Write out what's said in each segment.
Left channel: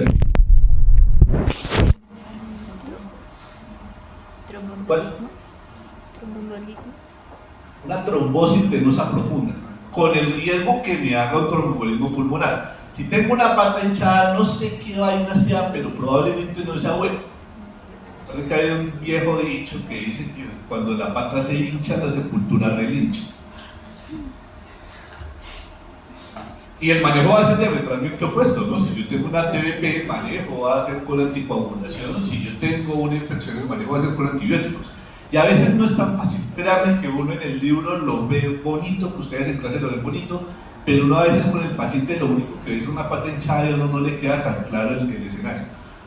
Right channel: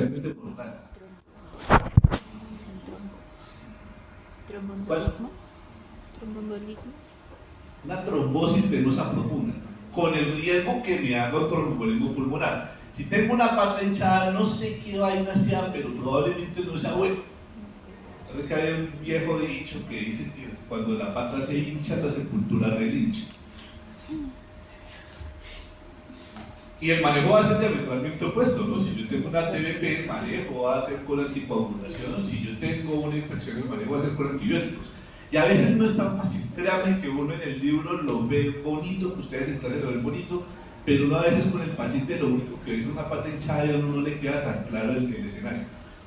especialmente mortal. ¿Cuál? Una trombosis venosa profunda, con el riesgo que me haga un tromboembolismo pulmonar. Si tengo una pata hinchada, no sé qué vaina sea, pero probablemente no sea bueno. Parece que hay un viejo dicho que dice que cuando la pata se hincha, la sepultura relincha. Y el manejo va a ser diametralmente opuesto, ¿no? Si yo tengo una TBP, el manejo va a ser con anticoagulación. Si yo tengo una infección, el manejo va a ser con antibióticos. Y a veces no es tan fácil. Créanme que uno en el libro lo ve bonito, que ustedes en clase lo ven bonito, pero uno a veces con el paciente lo único que ve es una pata hinchada y a uno no le queda tan claro el escenario.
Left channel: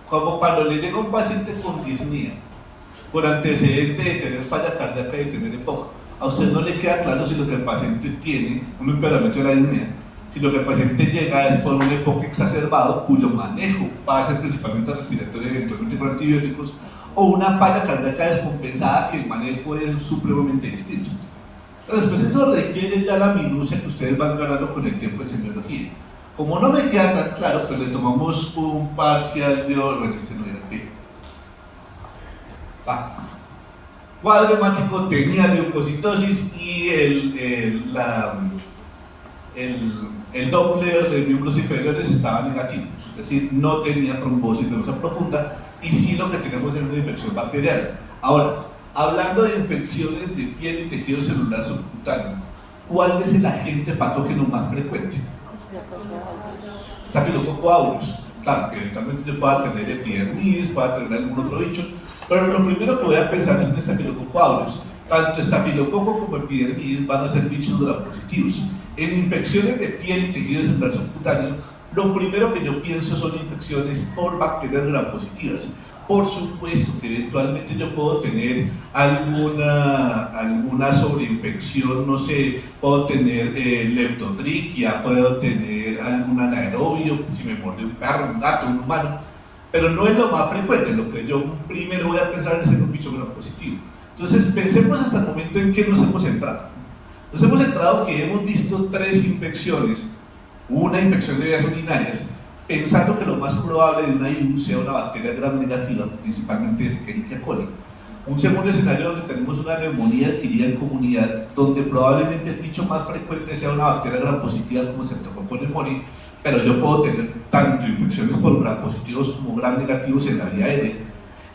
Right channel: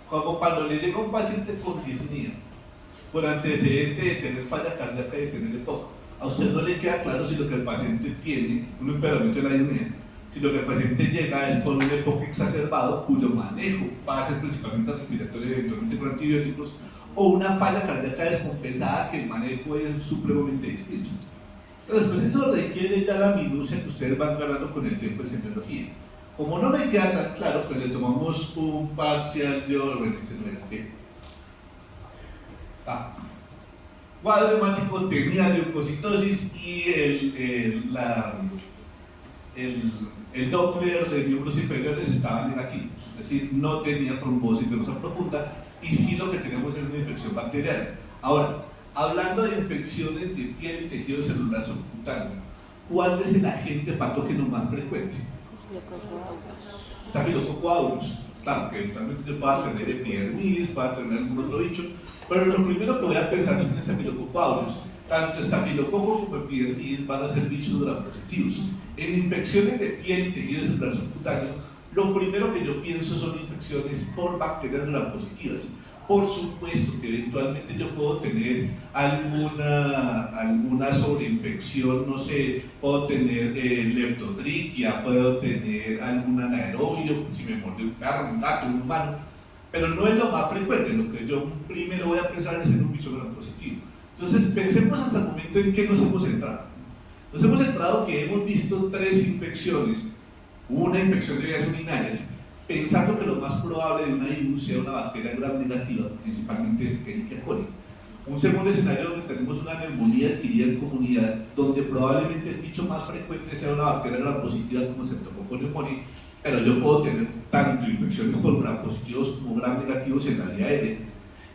Como cuando le llega un paciente con disnea, con antecedente de tener falla cardíaca y de tener EPOC, a usted no le queda claro si lo que el paciente tiene, un empeoramiento de la disnea, si lo que el paciente llega es por un EPOC exacerbado, cuyo manejo va a ser principalmente respiratorio, eventualmente con antibióticos, o una falla cardíaca descompensada, que el manejo es supremamente distinto. Entonces, pues eso requiere ya la minucia que ustedes van ganando con el tiempo de semiología. Como no me queda tan claro, pues le tomamos un parcial de orden, este no era qué. Cuadro hemático tenía leucocitosis y el Doppler de miembros inferiores estaba negativo, es decir, no tenía trombosis venosa profunda, y sí lo que tenemos es una infección bacteriana. Ahora, hablando de infecciones de piel y tejido celular subcutáneo, ¿cuál es el agente patógeno más frecuente? Staphylococcus aureus. Claro, que eventualmente yo pueda tener epidermidis, pueda tener algún otro bicho, pero lo primero que voy a pensar es en Staphylococcus aureus. Tanto estafilococo como epidermidis van a ser bichos gram-positivos. En infecciones de piel y tejido celular subcutáneo, lo primero que yo pienso son infecciones por bacterias gram-positivas. Por supuesto que eventualmente yo puedo tener alguna sobreinfección, no sé, puedo tener leptotriquia, puedo tener algún anaerobio, si me muerde un perro, un gato, un humano, pero no es lo más frecuente. Lo que yo primero voy a pensar es en un bicho gram-positivo. Entonces pensemos hasta el momento en qué nos hemos centrado. Nos hemos centrado que hemos visto 3 infecciones, una infección de vías urinarias, pensando que lo más probable de una IU sea una bacteria gram negativa, principalmente Escherichia coli. Un segundo escenario donde tenemos una neumonía adquirida en comunidad, donde probablemente el bicho más frecuente sea una bacteria gram positiva como Streptococcus pneumoniae, pero yo puedo tener tanto infecciones por gram positivos como gram negativos en la vía aérea,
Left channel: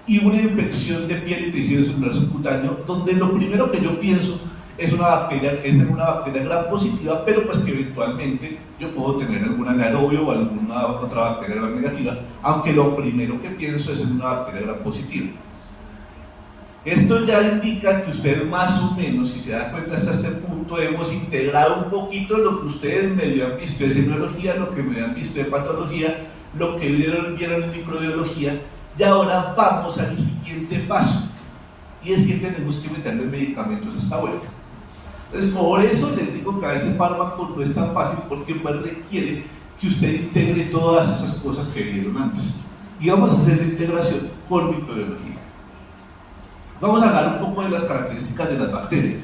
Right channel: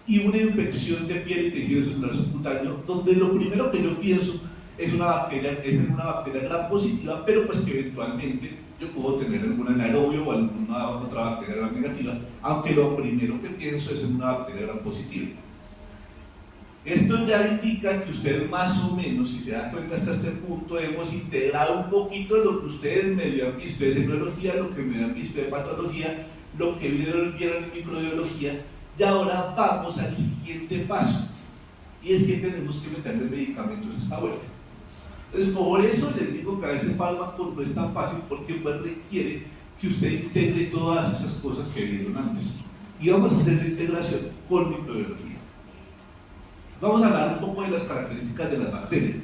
y una infección de piel y tejido celular subcutáneo, donde lo primero que yo pienso es en una bacteria gram positiva, pero pues que eventualmente yo puedo tener algún anaerobio o alguna otra bacteria gram negativa, aunque lo primero que pienso es en una bacteria gram positiva. Esto ya indica que ustedes más o menos, si se dan cuenta hasta este punto, hemos integrado un poquito lo que ustedes medio han visto de semiología, lo que medio han visto de patología, lo que vieron en microbiología, y ahora vamos al siguiente paso, y es que tenemos que meterle medicamentos a esta vuelta. Entonces, por eso les digo que a veces fármaco no es tan fácil, porque requiere que usted integre todas esas cosas que vieron antes. Y vamos a hacer la integración con microbiología. Vamos a hablar un poco de las características de las bacterias.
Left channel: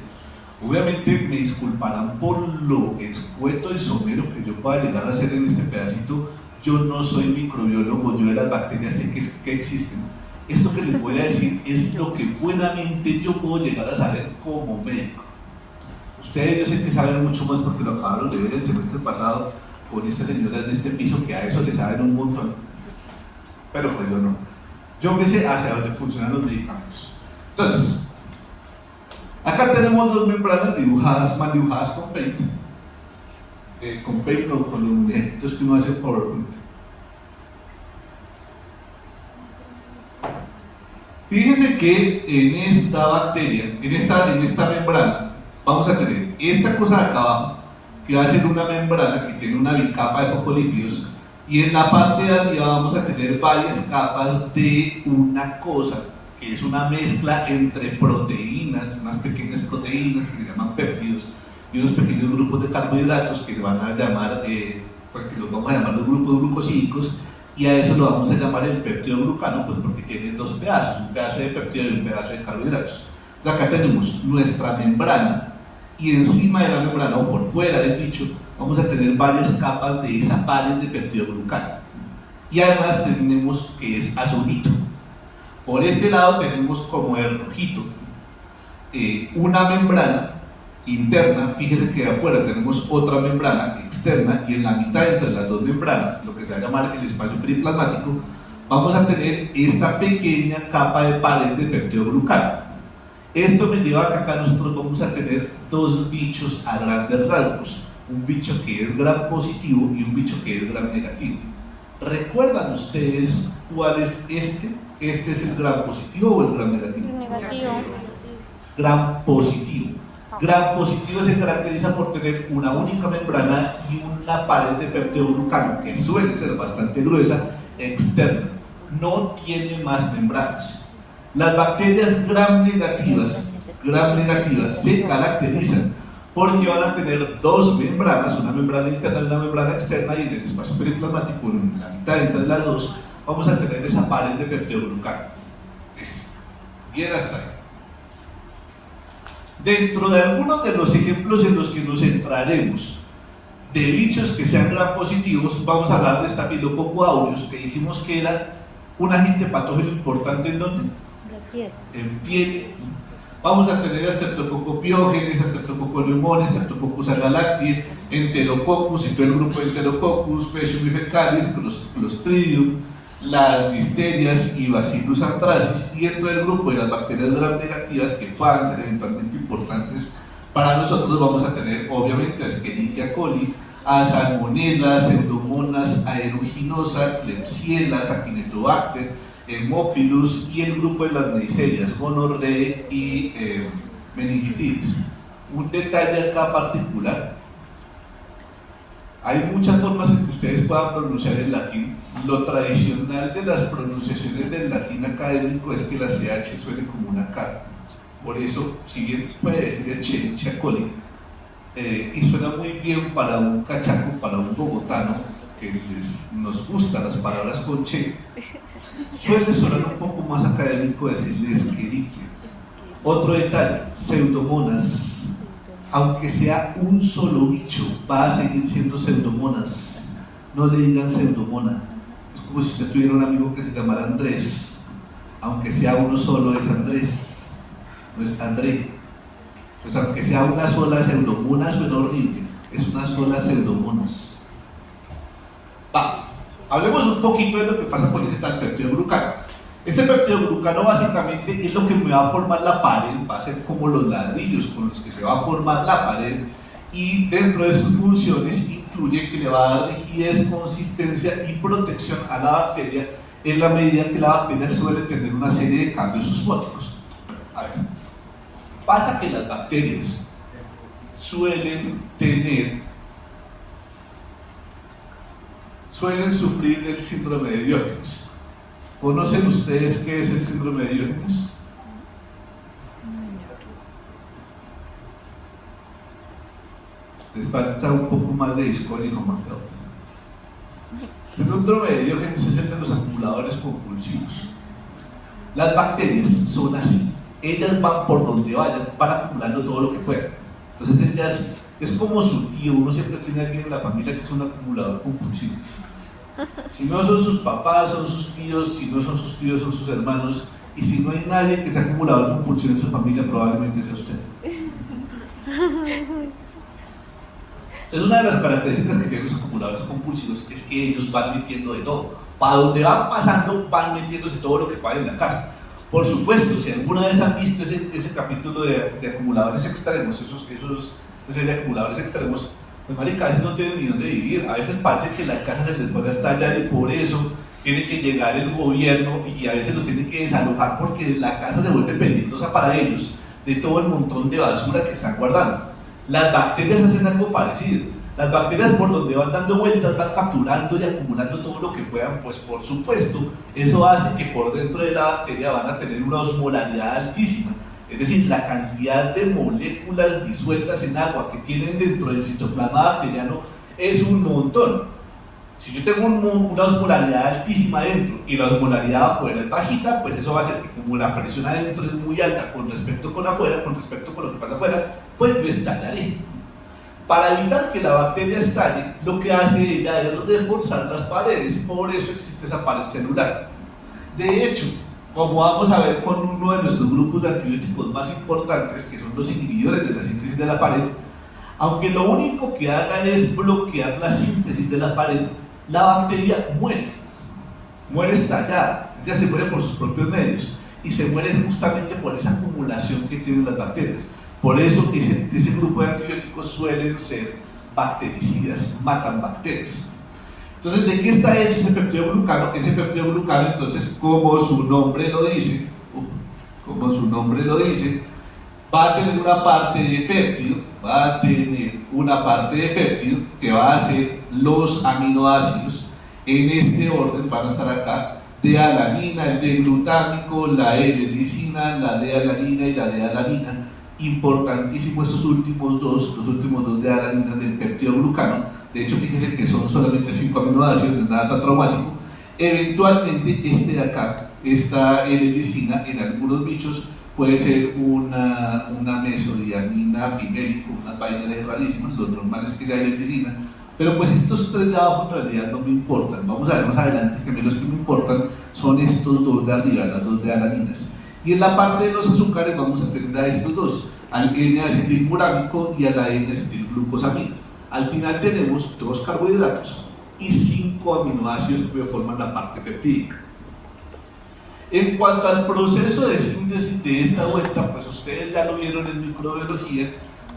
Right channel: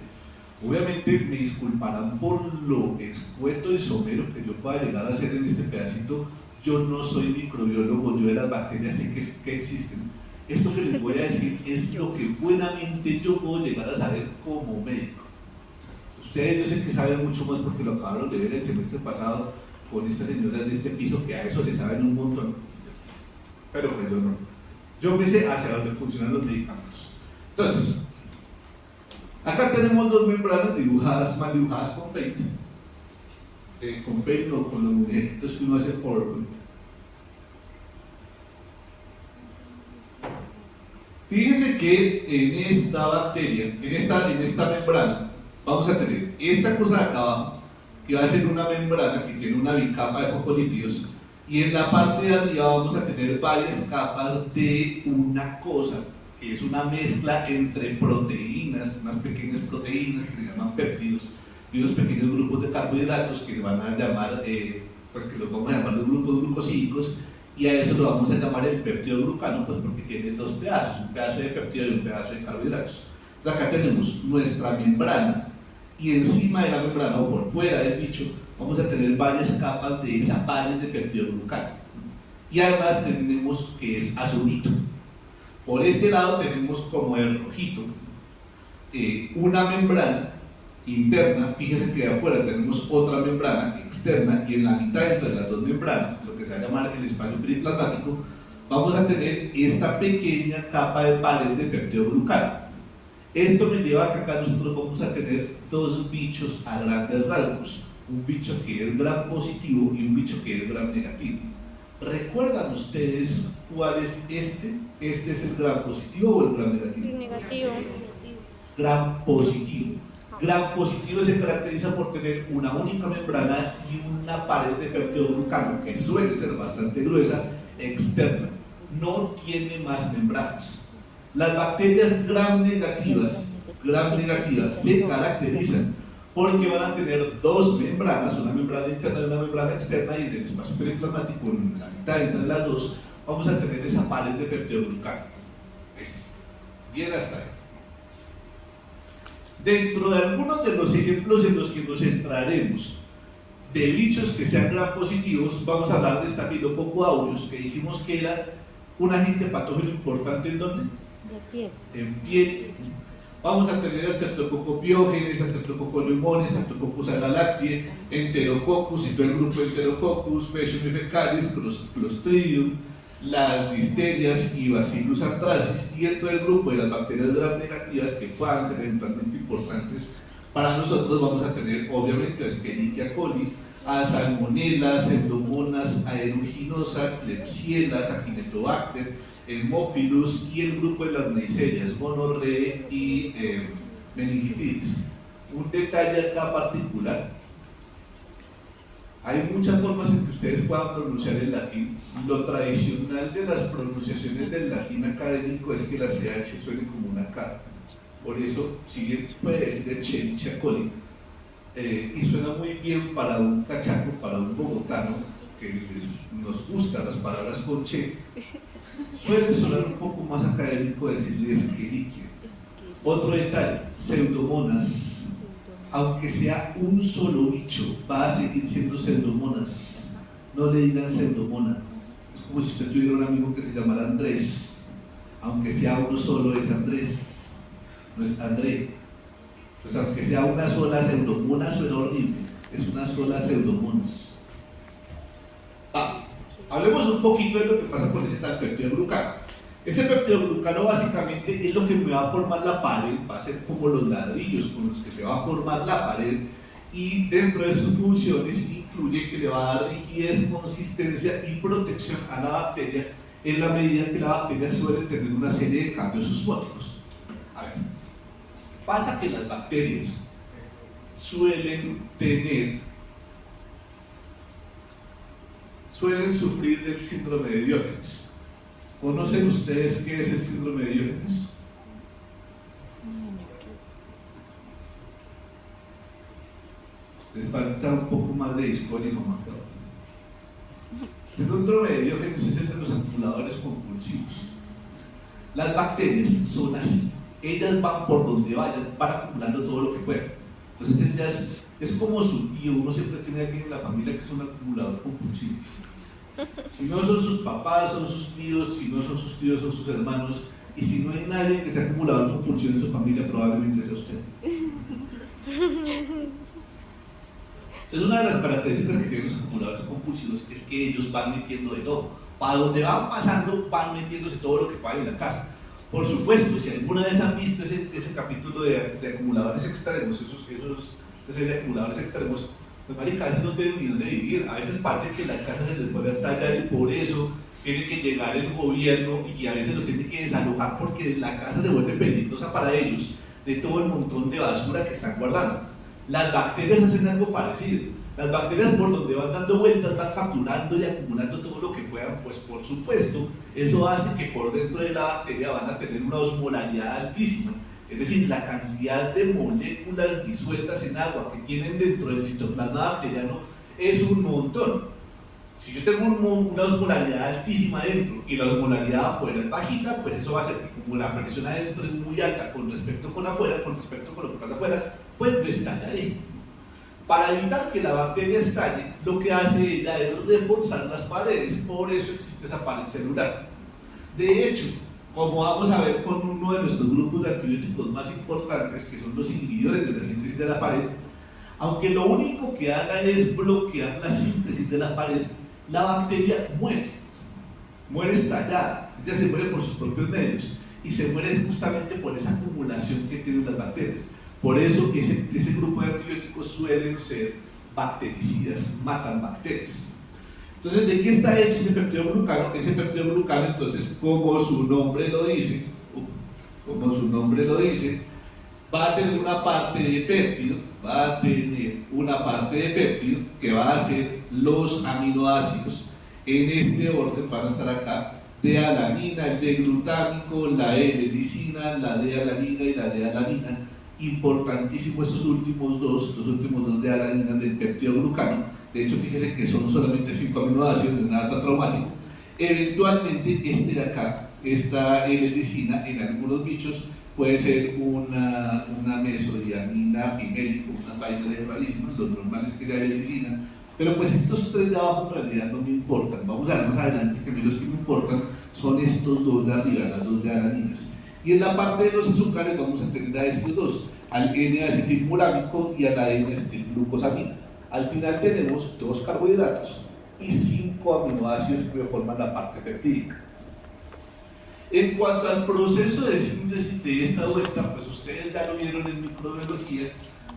Obviamente me disculparán por lo escueto y somero que yo pueda llegar a hacer en este pedacito. Yo no soy microbiólogo, yo de las bacterias sé que existen. Esto que les voy a decir es lo que buenamente yo puedo llegar a saber como médico. Ustedes yo sé que saben mucho más porque lo acabaron de ver el semestre pasado con estas señoras de este piso, que a eso le saben un montón, pero pues yo no. Yo me sé hacia dónde funcionan los medicamentos. Entonces, acá tenemos 2 membranas dibujadas, mal dibujadas con Paint, no, con los muñequitos que uno hace en PowerPoint. Fíjense que en esta bacteria, en esta membrana, vamos a tener esta cosa de acá abajo, que va a ser una membrana que tiene una bicapa de fosfolípidos, y en la parte de arriba vamos a tener varias capas de una cosa que es una mezcla entre proteínas, unas pequeñas proteínas que se llaman péptidos, y unos pequeños grupos de carbohidratos que van a llamar, pues que los vamos a llamar los grupos glucosídicos, y a eso lo vamos a llamar el péptido glucano, pues porque tiene 2 pedazos, un pedazo de péptido y un pedazo de carbohidratos. Entonces acá tenemos nuestra membrana, y encima de la membrana o por fuera del bicho vamos a tener varias capas de esa pared de peptidoglucano. y además tenemos que es azulito. Por este lado tenemos como el rojito una membrana interna, fíjese que afuera tenemos otra membrana externa y en la mitad entre las dos membranas, lo que se va a llamar el espacio periplasmático, vamos a tener esta pequeña capa de pared de peptidoglucano. Esto me lleva a que acá nosotros vamos a tener dos bichos a grandes rasgos, un bicho que es gram positivo y un bicho que es gram negativo. ¿Recuerdan ustedes cuál es este? ¿Este es el gram positivo o el gram negativo? Negativo. Gram positivo. Gram positivo se caracteriza por tener una única membrana y una pared de peptidoglucano que suele ser bastante gruesa, externa. No tiene más membranas. Las bacterias gram negativas se caracterizan porque van a tener dos membranas, una membrana interna y una membrana externa, y en el espacio periplasmático, en la mitad entre las dos, vamos a tener esa pared de peptidoglucano. Listo. Bien hasta ahí. Dentro de algunos de los ejemplos en los que nos centraremos de bichos que sean gram positivos, vamos a hablar de Staphylococcus aureus, que dijimos que era un agente patógeno importante ¿en dónde? En piel. Vamos a tener a Streptococcus pyogenes, a Streptococcus pneumoniae, Streptococcus agalactiae, Enterococcus y todo el grupo de Enterococcus, Faecium y fecalis, Clostridium, las listerias y Bacillus anthracis, y dentro del grupo de las bacterias gram negativas que puedan ser eventualmente importantes para nosotros vamos a tener obviamente a Escherichia coli, a Salmonella, Pseudomonas aeruginosa, Klebsiella, Acinetobacter, Haemophilus y el grupo de las neiserias, gonorrea y meningitis. Un detalle acá particular: hay muchas formas en que ustedes puedan pronunciar el latín. Lo tradicional de las pronunciaciones del latín académico es que la CH suene como una K. Por eso, si bien puede decir Escherichia coli, y suena muy bien para un cachaco, para un bogotano que nos gustan las palabras con che, suele sonar un poco más académico decirle Escherichia. Otro detalle: Pseudomonas, aunque sea un solo bicho, va a seguir siendo Pseudomonas. No le digan Pseudomona. Es como si usted tuviera un amigo que se llamara Andrés. Aunque sea uno solo, es Andrés, no es André. Pues aunque sea una sola Pseudomona, suena horrible. Es una sola Pseudomonas. Hablemos un poquito de lo que pasa con ese tal peptidoglucano. Ese peptidoglucano básicamente es lo que me va a formar la pared, va a ser como los ladrillos con los que se va a formar la pared, y dentro de sus funciones incluye que le va a dar rigidez, consistencia y protección a la bacteria en la medida que la bacteria suele tener una serie de cambios osmóticos. A ver, pasa que las bacterias suelen sufrir del síndrome de Diógenes. ¿Conocen ustedes qué es el síndrome de Diógenes? Les falta un poco más de discordia y no. El síndrome de Diógenes es el de los acumuladores compulsivos. Las bacterias son así, ellas van por donde vayan, van acumulando todo lo que puedan. Entonces ellas es como su tío. Uno siempre tiene a alguien en la familia que es un acumulador compulsivo. Si no son sus papás, son sus tíos; si no son sus tíos, son sus hermanos; y si no hay nadie que sea acumulador compulsivo en su familia, probablemente sea usted. Entonces, una de las características que tienen los acumuladores compulsivos es que ellos van metiendo de todo. Para donde van pasando, van metiéndose todo lo que puedan en la casa. Por supuesto, si alguna vez han visto ese capítulo de acumuladores extremos, de acumuladores extremos, pues marica, a veces no tienen ni dónde vivir. A veces parece que la casa se les puede estallar y por eso tiene que llegar el gobierno y a veces los tiene que desalojar porque la casa se vuelve peligrosa para ellos de todo el montón de basura que están guardando. Las bacterias hacen algo parecido. Las bacterias, por donde van dando vueltas, van capturando y acumulando todo lo que puedan. Pues por supuesto, eso hace que por dentro de la bacteria van a tener una osmolaridad altísima. Es decir, la cantidad de moléculas disueltas en agua que tienen dentro del citoplasma bacteriano es un montón. Si yo tengo una osmolaridad altísima adentro y la osmolaridad afuera es bajita, pues eso va a hacer que, como la presión adentro es muy alta con respecto con afuera, con respecto con lo que pasa afuera, pues yo estallaré. Para evitar que la bacteria estalle, lo que hace ella es reforzar las paredes, por eso existe esa pared celular. De hecho, como vamos a ver con uno de nuestros grupos de antibióticos más importantes, que son los inhibidores de la síntesis de la pared, aunque lo único que hagan es bloquear la síntesis de la pared, la bacteria muere estallada, ella se muere por sus propios medios y se muere justamente por esa acumulación que tienen las bacterias. Por eso ese grupo de antibióticos suelen ser bactericidas, matan bacterias. Entonces, ¿de qué está hecho ese peptidoglucano? Ese peptidoglucano, entonces, como su nombre lo dice, va a tener una parte de péptido, que va a ser los aminoácidos. En este orden van a estar acá: D-alanina, el D-glutámico, la L-lisina, la D-alanina y la D-alanina. Importantísimo estos últimos dos D-alanina del peptidoglucano. De hecho, fíjense que son solamente 5 aminoácidos, no es nada tan traumático. Eventualmente, este de acá, esta L-lisina, en algunos bichos puede ser una mesodiamina pimélico, unas vainas rarísimas. Lo normal es que sea L-lisina, pero pues estos 3 de abajo en realidad no me importan. Vamos a ver más adelante que a mí los que me importan son estos 2 de arriba, las 2 D-alaninas. Y en la parte de los azúcares vamos a tener a estos dos, al N-acetilmurámico y a la N-acetilglucosamina. Al final tenemos 2 carbohidratos y 5 aminoácidos que forman la parte peptídica. En cuanto al proceso de síntesis de esta vuelta, pues ustedes ya lo vieron en microbiología,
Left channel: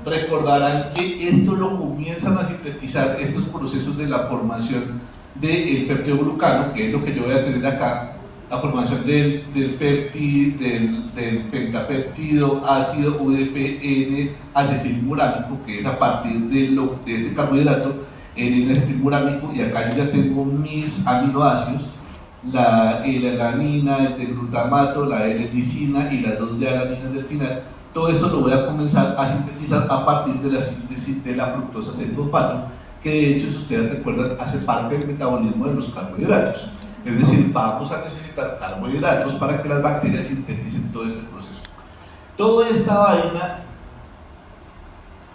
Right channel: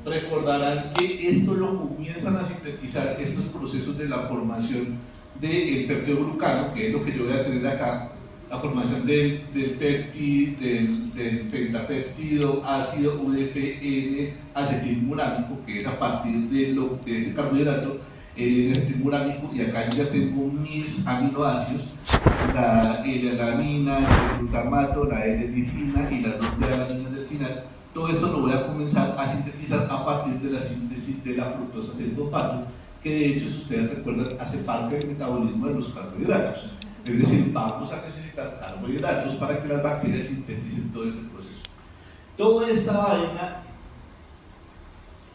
recordarán que esto lo comienzan a sintetizar, estos procesos de la formación del peptidoglucano, que es lo que yo voy a tener acá, la formación del pentapéptido ácido UDP N-acetilmurámico, que es a partir de este carbohidrato, el N-acetilmurámico, y acá yo ya tengo mis aminoácidos, la L-alanina, el glutamato, la L-lisina y las 2 D-alaninas del final. Todo esto lo voy a comenzar a sintetizar a partir de la síntesis de la fructosa 6-fosfato, que de hecho, si ustedes recuerdan, hace parte del metabolismo de los carbohidratos. Es decir, vamos a necesitar carbohidratos para que las bacterias sinteticen todo este proceso. Toda esta vaina,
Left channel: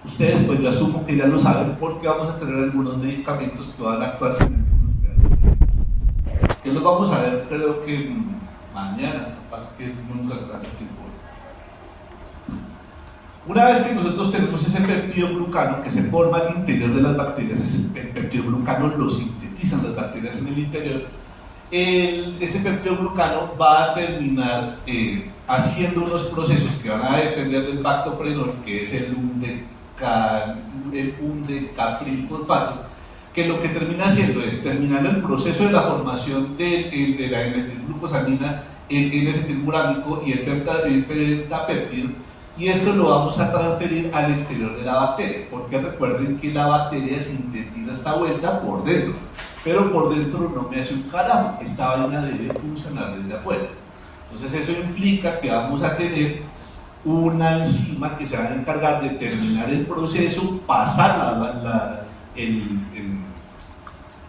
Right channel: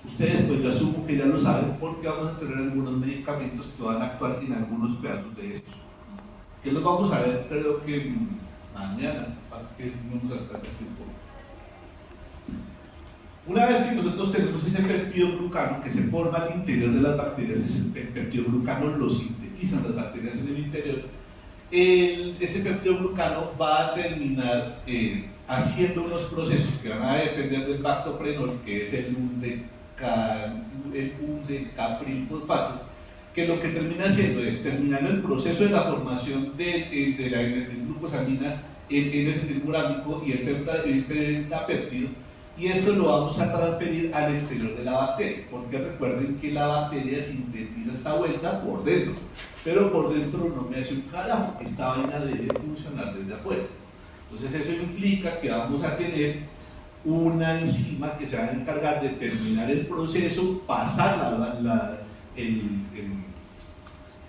ustedes pues yo asumo que ya lo saben, porque vamos a tener algunos medicamentos que van a actuar en algunos pedazos de estos, que los vamos a ver creo que mañana, capaz que no nos alcanza el tiempo. Una vez que nosotros tenemos ese peptidoglucano que se forma al interior de las bacterias, ese peptidoglucano lo sintetizan las bacterias en el interior, ese peptidoglucano va a terminar haciendo unos procesos que van a depender del bactoprenol, que es el undecaprilfosfato, que lo que termina haciendo es terminar el proceso de la formación de la N-acetilglucosamina, el N-acetilmurámico y el pentapéptido, y esto lo vamos a transferir al exterior de la bacteria, porque recuerden que la bacteria sintetiza esta vuelta por dentro, pero por dentro no me hace un carajo, esta vaina debe funcionar desde afuera. Entonces eso implica que vamos a tener una enzima que se va a encargar de terminar el proceso, pasar el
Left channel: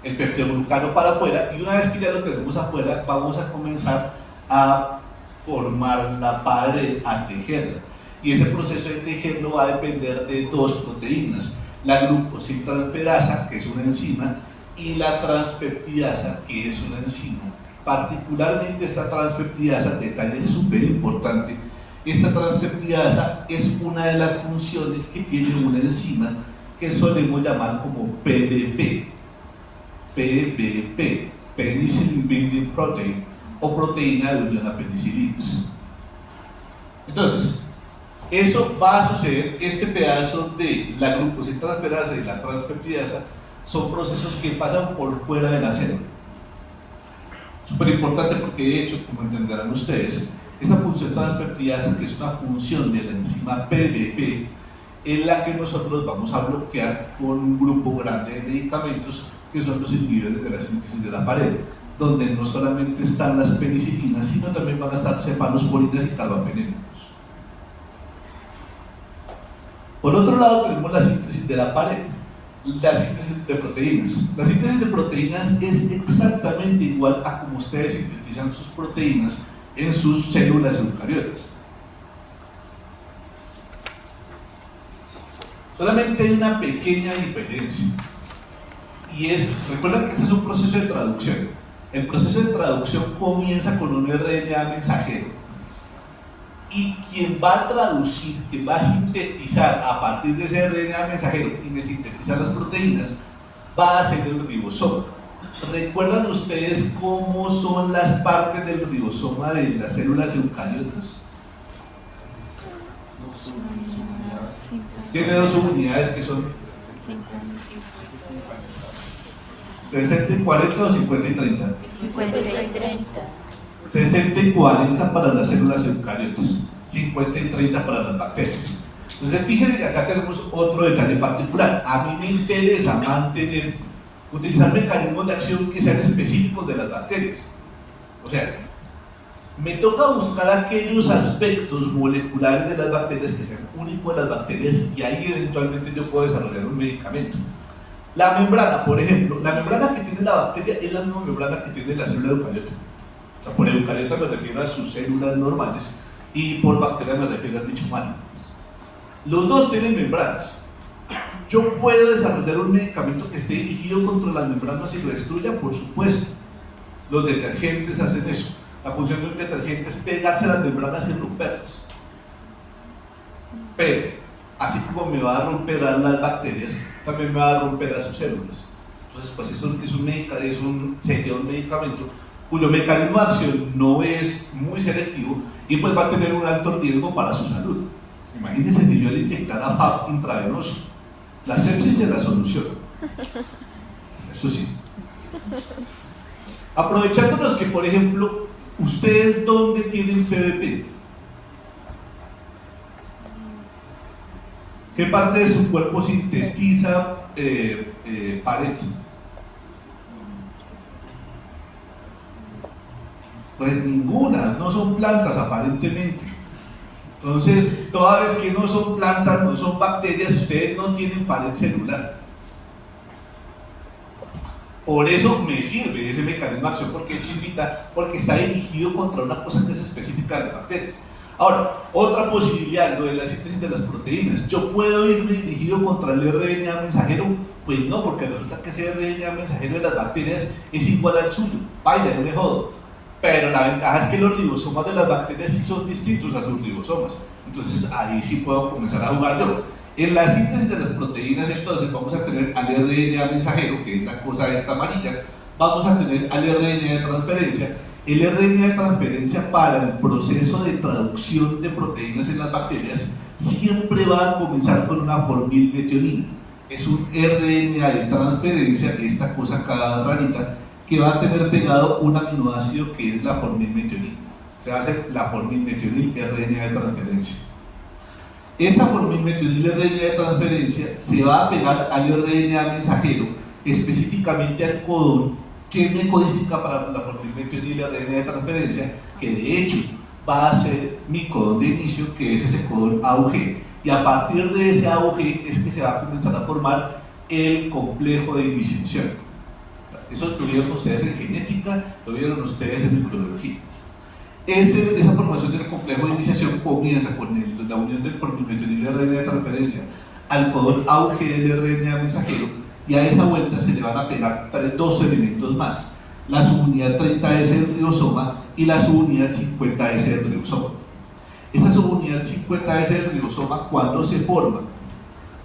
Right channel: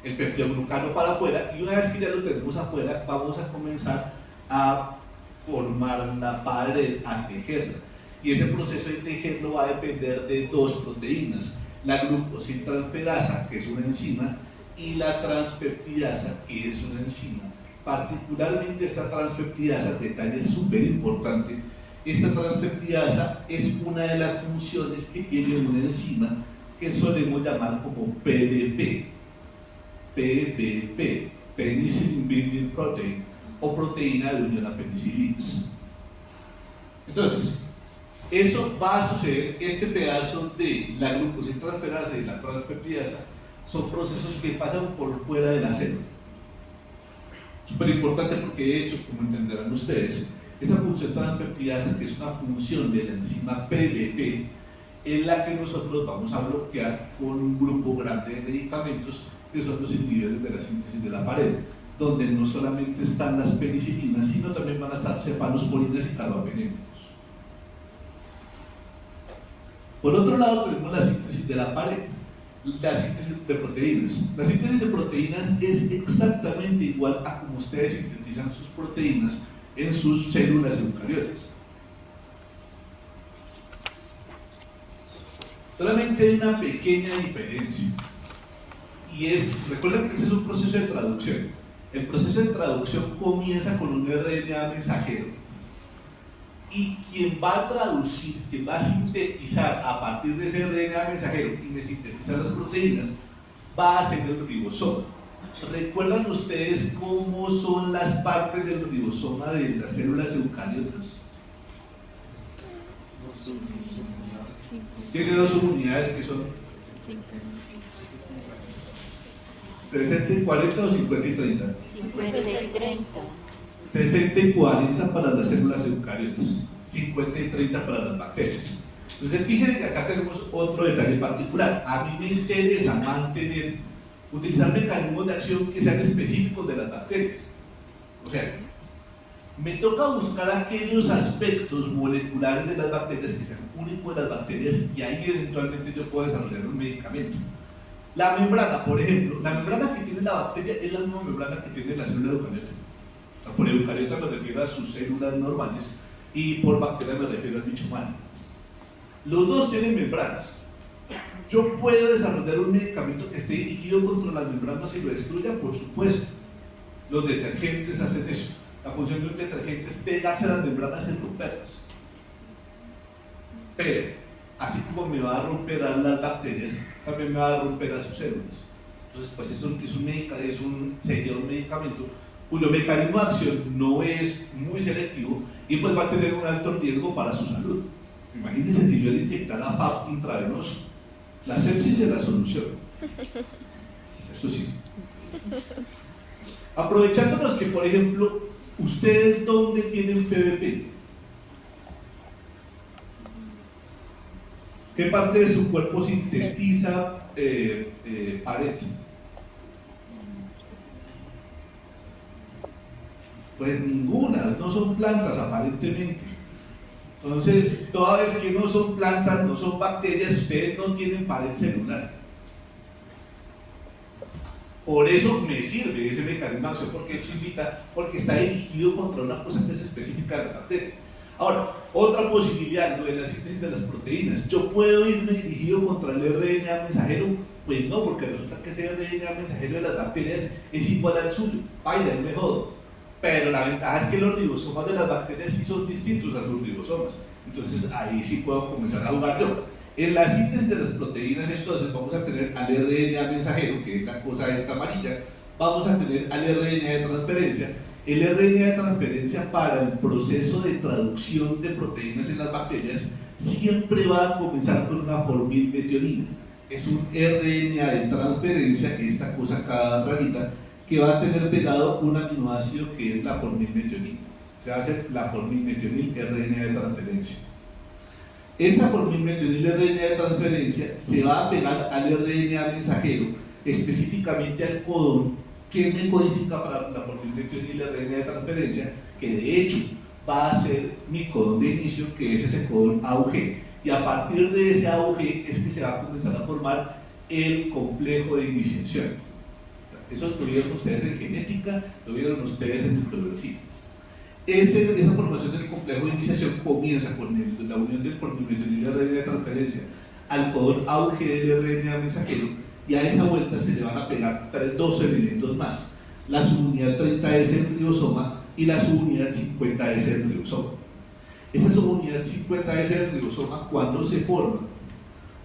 peptidoglucano para afuera, y una vez que ya lo tenemos afuera, vamos a comenzar a formar la pared, a tejerla. Y ese proceso de tejerlo va a depender de 2 proteínas, la glucosiltransferasa, que es una enzima, y la transpeptidasa, que es una enzima. Particularmente esta transpeptidasa, detalle súper importante, esta transpeptidasa es una de las funciones que tiene una enzima que solemos llamar como PBP, Penicillin Binding Protein, o proteína de unión a penicilinas. Entonces, eso va a suceder. Este pedazo de la glucosiltransferasa y la transpeptidasa son procesos que pasan por fuera de la célula. Súper importante porque, de hecho, como entenderán ustedes, esa función transpeptidasa, que es una función de la enzima PDP, es la que nosotros vamos a bloquear con un grupo grande de medicamentos que son los inhibidores de la síntesis de la pared, donde no solamente están las penicilinas, sino también van a estar cefalosporinas y carbapenémicos. Por otro lado, tenemos la síntesis de la pared, la síntesis de proteínas. La síntesis de proteínas es exactamente igual a como ustedes sintetizan sus proteínas en sus células eucariotas. Solamente hay una pequeña diferencia, y es, recuerden que ese es un proceso de traducción. El proceso de traducción comienza con un RNA mensajero, y quien va a traducir, quien va a sintetizar a partir de ese RNA mensajero y me sintetizar las proteínas, va a ser el ribosoma. ¿Recuerdan ustedes cómo son las partes del ribosoma de las células eucariotas? Tiene dos unidades que son 60 y 40 o 50 y 30. 50 y 30. 60 y 40 para las células eucariotas, 50 y 30 para las bacterias. Entonces fíjense que acá tenemos otro detalle particular. A mí me interesa utilizar mecanismos de acción que sean específicos de las bacterias. O sea, me toca buscar aquellos aspectos moleculares de las bacterias que sean únicos de las bacterias, y ahí eventualmente yo puedo desarrollar un medicamento. La membrana, por ejemplo, la membrana que tiene la bacteria es la misma membrana que tiene la célula eucariota. O sea, por eucariota me refiero a sus células normales, y por bacteria me refiero al bicho humano. Los dos tienen membranas. ¿Yo puedo desarrollar un medicamento que esté dirigido contra las membranas y lo destruya? Por supuesto. Los detergentes hacen eso. La función de un detergente es pegarse a las membranas y romperlas. Pero, así como me va a romper a las bacterias, también me va a romper a sus células. Entonces, pues sería un medicamento cuyo mecanismo de acción no es muy selectivo, y pues va a tener un alto riesgo para su salud. Imagínense si yo le inyectara FAP intravenoso. La sepsis es la solución. Eso sí. Aprovechándonos que, por ejemplo, ¿ustedes dónde tienen PVP? ¿Qué parte de su cuerpo sintetiza pared? Pues ninguna, no son plantas aparentemente. Entonces, toda vez que no son plantas, no son bacterias, ustedes no tienen pared celular. Por eso me sirve ese mecanismo de acción, porque es chimbita, porque está dirigido contra una cosa que es específica de las bacterias. Ahora, otra posibilidad, lo de la síntesis de las proteínas. ¿Yo puedo irme dirigido contra el RNA mensajero? Pues no, porque resulta que ese RNA mensajero de las bacterias es igual al suyo. Vaya, no me jodo. Pero la ventaja es que los ribosomas de las bacterias sí son distintos a sus ribosomas. Entonces ahí sí puedo comenzar a jugar yo. En la síntesis de las proteínas, entonces, vamos a tener al RNA mensajero, que es la cosa esta amarilla. Vamos a tener al RNA de transferencia. El RNA de transferencia, para el proceso de traducción de proteínas en las bacterias, siempre va a comenzar con una formilmetionina. Es un RNA de transferencia, esta cosa acá rarita, que va a tener pegado un aminoácido que es la formilmetionina. Se va a hacer la formilmetionil RNA de transferencia. Esa formilmetionil RNA de transferencia se va a pegar al RNA mensajero, específicamente al codón que me codifica para la formilmetionil RNA de transferencia, que de hecho va a ser mi codón de inicio, que es ese codón AUG, y a partir de ese AUG es que se va a comenzar a formar el complejo de iniciación. Eso lo vieron ustedes en genética, lo vieron ustedes en microbiología. Esa formación del complejo de iniciación comienza con la unión del formilmetionil RNA de transferencia al codón AUG del RNA mensajero, y a esa vuelta se le van a pegar dos elementos más: la subunidad 30S del ribosoma y la subunidad 50S del ribosoma. Esa subunidad 50S del ribosoma, cuando se forma,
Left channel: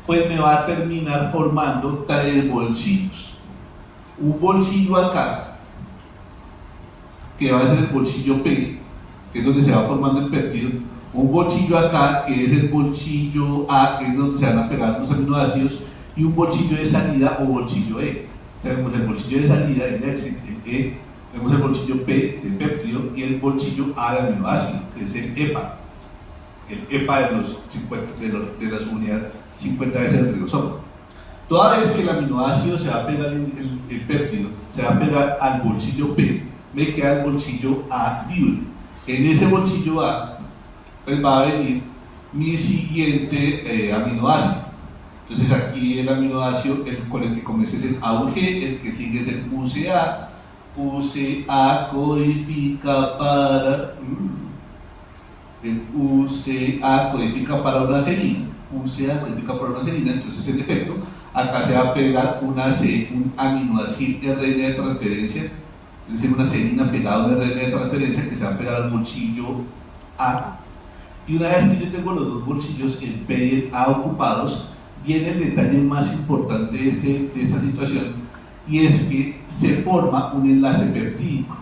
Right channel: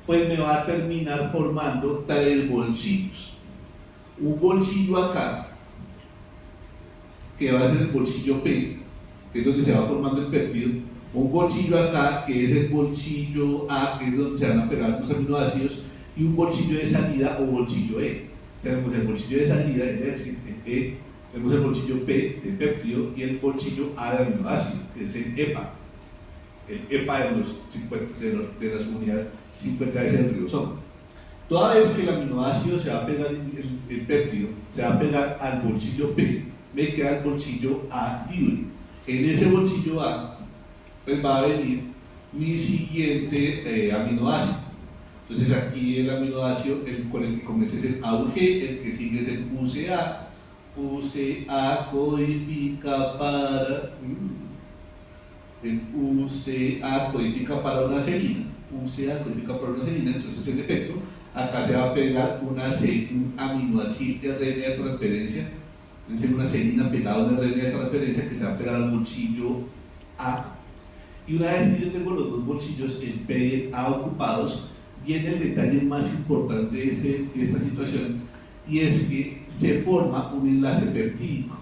pues me va a terminar formando tres bolsillos. Un bolsillo acá, que va a ser el bolsillo P, que es donde se va formando el péptido. Un bolsillo acá, que es el bolsillo A, que es donde se van a pegar los aminoácidos, y un bolsillo de salida o bolsillo E. Tenemos el bolsillo de salida, el E, tenemos el bolsillo P del péptido y el bolsillo A de aminoácido, que es el EPA. El EPA de la subunidad 50S del ribosoma. Toda vez que el aminoácido se va a pegar el péptido, se va a pegar al bolsillo P, me queda el bolsillo A libre. En ese bolsillo A, pues va a venir mi siguiente aminoácido. Entonces aquí el aminoácido con el que comienza es el AUG, el que sigue es el UCA. UCA codifica para una serina. un CA codifica por una serina, entonces en efecto, acá se va a pegar un aminoácido RNA de transferencia, es decir, una serina pegada a un RNA de transferencia que se va a pegar al bolsillo A. Y una vez que yo tengo los dos bolsillos, el P y el A ocupados, viene el detalle más importante de esta situación, y es que se forma un enlace peptídico.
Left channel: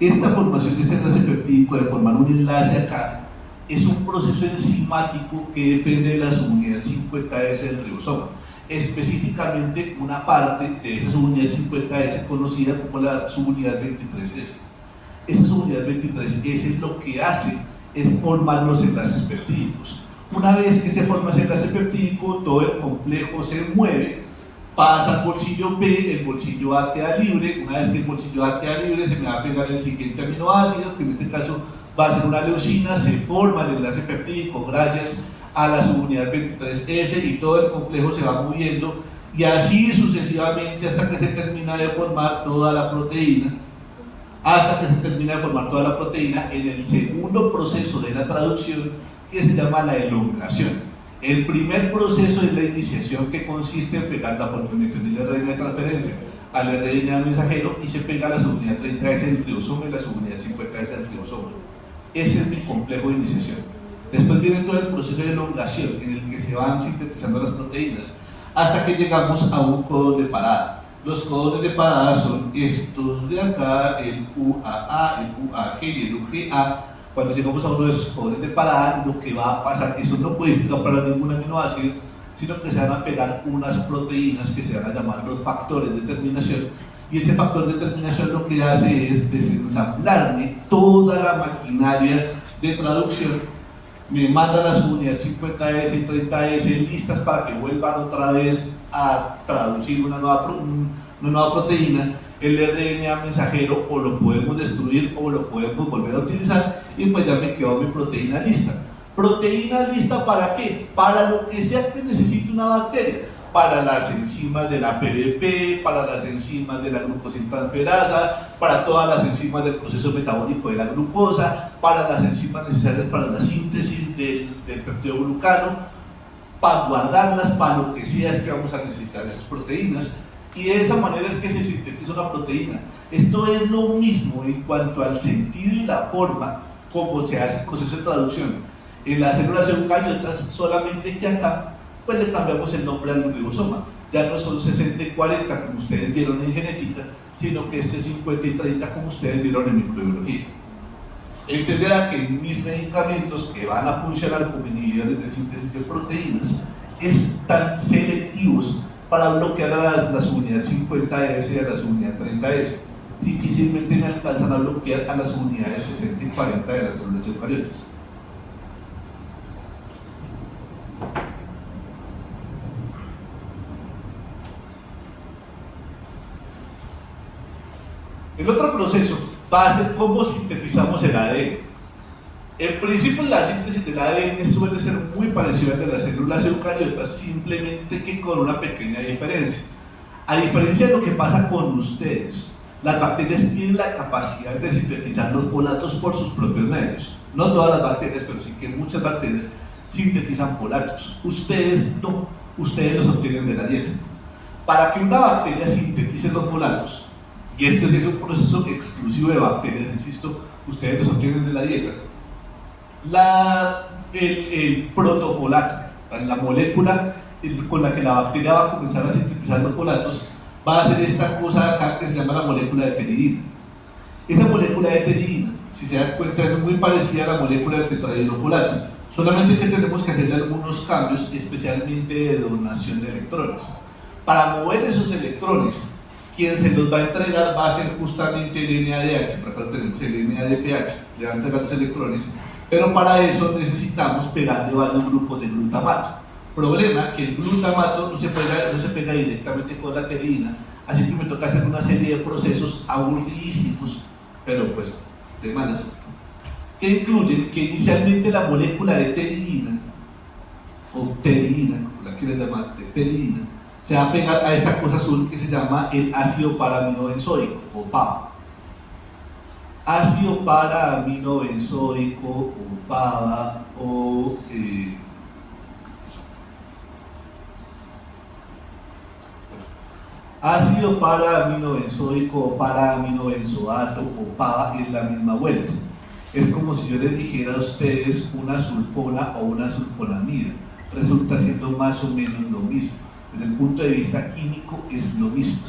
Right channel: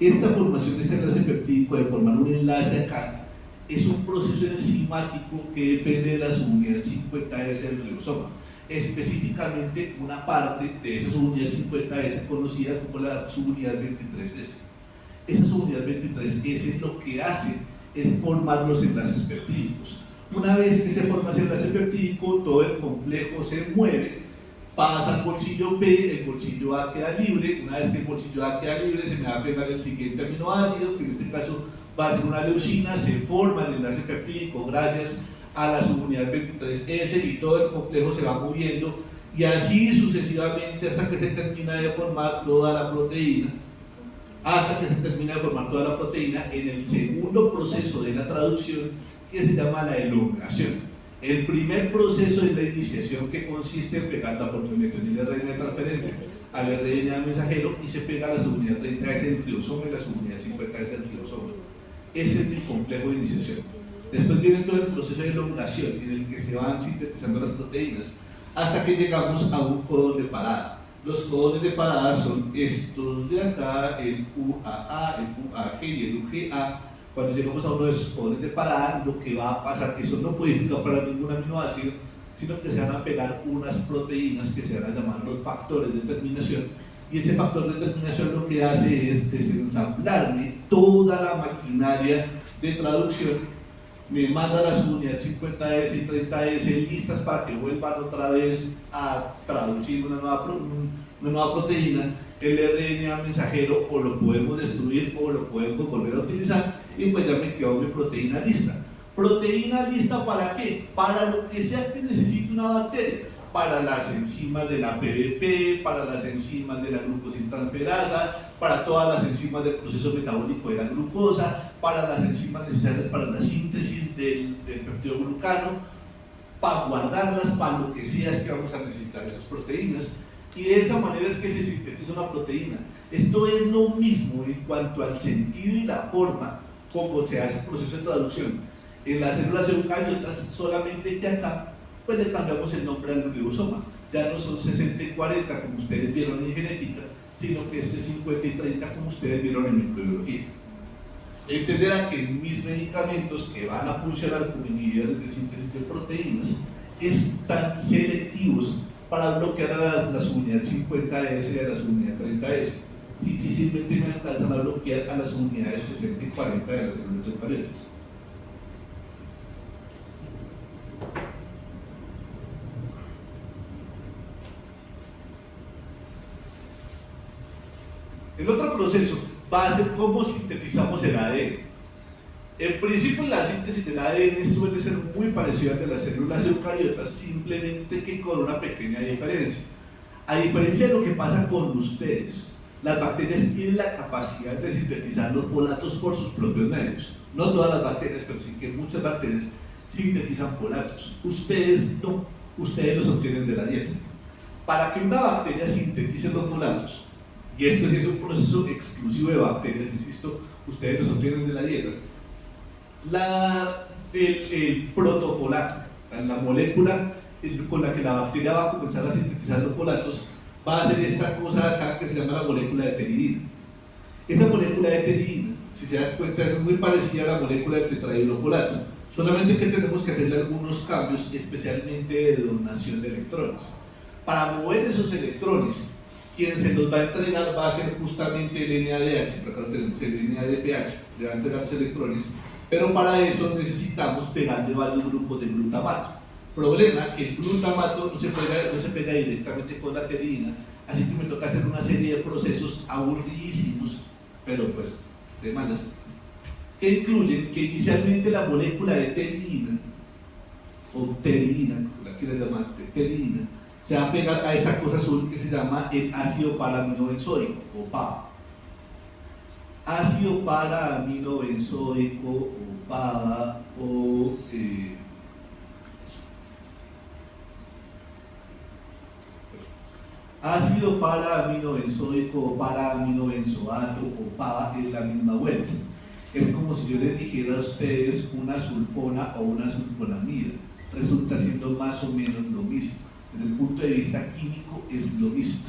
Esta formación de este enlace peptídico, de formar un enlace acá, es un proceso enzimático que depende de la subunidad 50S del ribosoma, específicamente una parte de esa subunidad 50S conocida como la subunidad 23S. Esa subunidad 23S lo que hace es formar los enlaces peptídicos. Una vez que se forma ese enlace peptídico, todo el complejo se mueve, pasa al bolsillo P, el bolsillo A queda libre. Una vez que el bolsillo A queda libre, se me va a pegar el siguiente aminoácido, que en este caso va a ser una leucina, se forma el enlace peptídico gracias a la subunidad 23S y todo el complejo se va moviendo, y así sucesivamente hasta que se termina de formar toda la proteína. Hasta que se termina de formar toda la proteína en el segundo proceso de la traducción, que se llama la elongación. El primer proceso es la iniciación, que consiste en pegar la fosfomietonil RNA de transferencia al RNA mensajero y se pega la subunidad 30S del ribosoma y la subunidad 50S del ribosoma. Ese es mi complejo de iniciación. Después viene todo el proceso de elongación, en el que se van sintetizando las proteínas hasta que llegamos a un codón de parada. Los codones de parada son estos de acá, el UAA, el UAG y el UGA. Cuando llegamos a uno de esos codones de parada, lo que va a pasar, eso no puede para ningún aminoácido, sino que se van a pegar unas proteínas que se van a llamar los factores de terminación, y ese factor de terminación lo que hace es desensamblarme toda la maquinaria de traducción, me manda las unidades 50S y 30S listas para que vuelvan otra vez a traducir una nueva proteína. El RNA mensajero o lo podemos destruir o lo podemos volver a utilizar, y pues ya me quedó mi proteína lista. ¿Proteína lista para qué? Para lo que sea que necesite una bacteria, para las enzimas de la PDP, para las enzimas de la glucosintransferasa, para todas las enzimas del proceso metabólico de la glucosa, para las enzimas necesarias para la síntesis del peptidoglucano, para guardarlas, para lo que sea es que vamos a necesitar esas proteínas. Y de esa manera es que se sintetiza una proteína. Esto es lo mismo en cuanto al sentido y la forma como se hace el proceso de traducción en las células eucariotas, solamente que acá pues le cambiamos el nombre al ribosoma. Ya no son 60 y 40 como ustedes vieron en genética, sino que este es 50 y 30 como ustedes vieron en microbiología. Entenderá que mis medicamentos que van a funcionar como inhibidores de síntesis de proteínas están selectivos para bloquear a la subunidad 50S y a la subunidad 30S. Difícilmente me alcanzan a bloquear a las unidades 60 y 40 de las células eucariotas. El otro proceso va a ser cómo sintetizamos el ADN. En principio, la síntesis del ADN suele ser muy parecida al de las células eucariotas, simplemente que con una pequeña diferencia. A diferencia de lo que pasa con ustedes, las bacterias tienen la capacidad de sintetizar los folatos por sus propios medios. No todas las bacterias, pero sí que muchas bacterias sintetizan folatos. Ustedes no, ustedes los obtienen de la dieta. Para que una bacteria sintetice los folatos, y esto sí es un proceso exclusivo de bacterias, insisto, ustedes los obtienen de la dieta, el protofolato, la molécula con la que la bacteria va a comenzar a sintetizar los folatos, va a ser esta cosa acá que se llama la molécula de pteridina. Esa molécula de pteridina, si se dan cuenta, es muy parecida a la molécula del tetrahidrofolato, solamente que tenemos que hacerle algunos cambios, especialmente de donación de electrones. Para mover esos electrones, quien se los va a entregar va a ser justamente el NADH, por acá tenemos el NADPH, le va a entregar los electrones, pero para eso necesitamos pegarle varios grupos de glutamato. Problema que el glutamato no se pega directamente con la pteridina, así que me toca hacer una serie de procesos aburridísimos, pero pues de malas, que incluyen que inicialmente la molécula de pteridina, o pteridina, como la quieran llamar, pteridina, se va a pegar a esta cosa azul que se llama el ácido paraaminobenzoico, o PAB. Ácido paraaminobenzoico, o PABA, o Ácido para-aminobenzoico o para-aminobenzoato o PABA es la misma vuelta. Es como si yo les dijera a ustedes una sulfona o una sulfonamida. Resulta siendo más o menos lo mismo. Desde el punto de vista químico es lo mismo.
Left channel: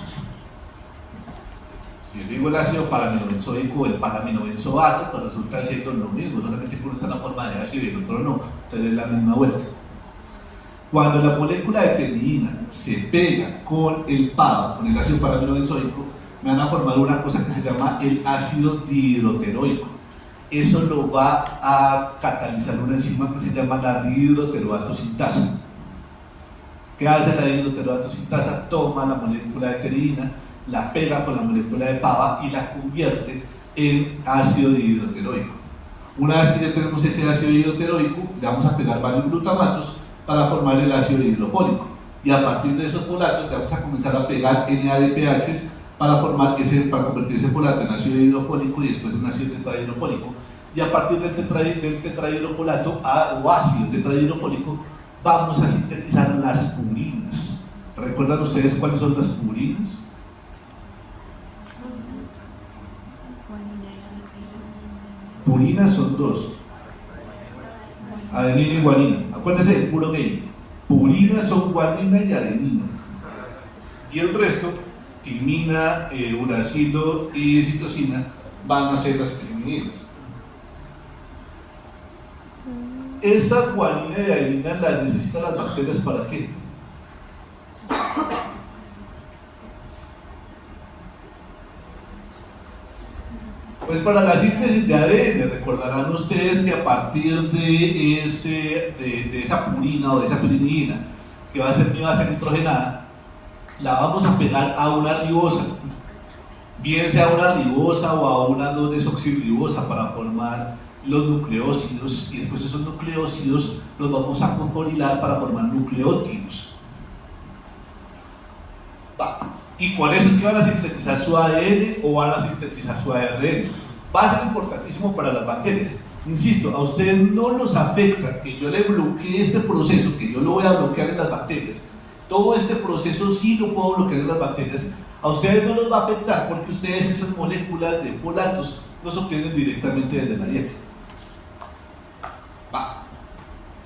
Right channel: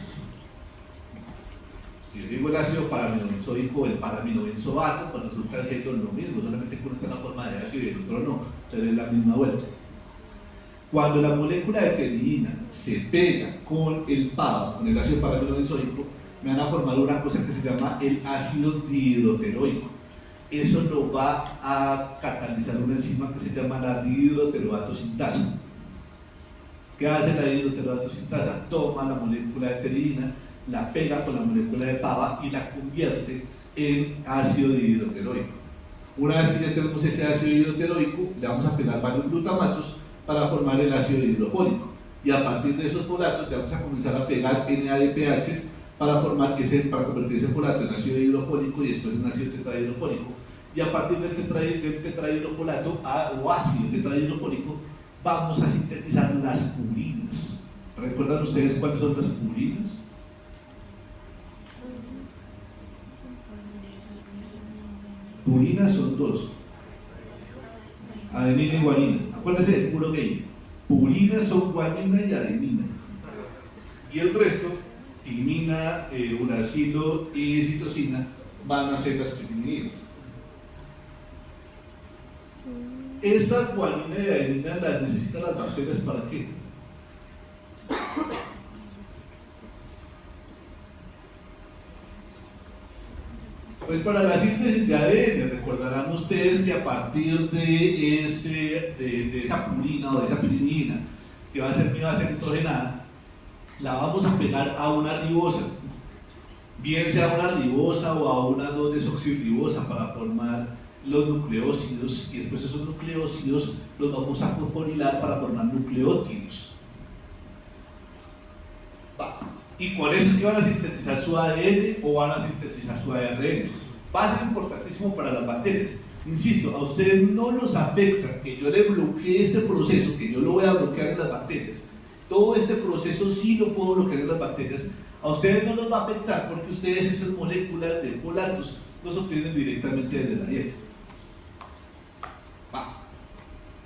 Si yo digo el ácido para-aminobenzoico o el para-aminobenzoato, pues resulta siendo lo mismo, solamente que uno está en la forma de ácido y el otro no, pero es la misma vuelta. Cuando la molécula de pteridina se pega con el PABA, con el ácido para-aminobenzoico, me van a formar una cosa que se llama el ácido dihidroteroico. Eso lo va a catalizar una enzima que se llama la dihidroteroato sintasa. ¿Qué hace la dihidroteroato sintasa? Toma la molécula de pteridina, la pega con la molécula de PABA y la convierte en ácido dihidroteroico. Una vez que ya tenemos ese ácido dihidroteroico, le vamos a pegar varios glutamatos para formar el ácido hidrofólico, y a partir de esos folatos le vamos a comenzar a pegar NADPHs para convertir ese folato en ácido hidrofólico y después en ácido tetrahidrofólico, y a partir del tetrahidrofolato o ácido tetrahidrofólico vamos a sintetizar las purinas. ¿Recuerdan ustedes cuáles son las purinas? Purinas son dos: adenina y guanina. Acuérdense del puro gay. Purinas son guanina y adenina. Y el resto, timina, uracilo y citosina, van a ser las pirimidinas. Esa guanina y adenina las necesitan las bacterias ¿para qué? Pues para la síntesis de ADN. Recordarán ustedes que a partir de esa purina o de esa pirimidina, que va a ser mi base nitrogenada, la vamos a pegar a una ribosa, bien sea una ribosa o a una 2-desoxirribosa, para formar los nucleósidos, y después esos nucleósidos los vamos a fosforilar para formar nucleótidos. Y con eso es que van a sintetizar su ADN o van a sintetizar su ARN. Va a ser importantísimo para las bacterias. Insisto, a ustedes no los afecta que yo le bloquee este proceso, que yo lo voy a bloquear en las bacterias. Todo este proceso sí lo puedo bloquear en las bacterias. A ustedes no los va a afectar porque ustedes esas moléculas de folatos los obtienen directamente desde la dieta.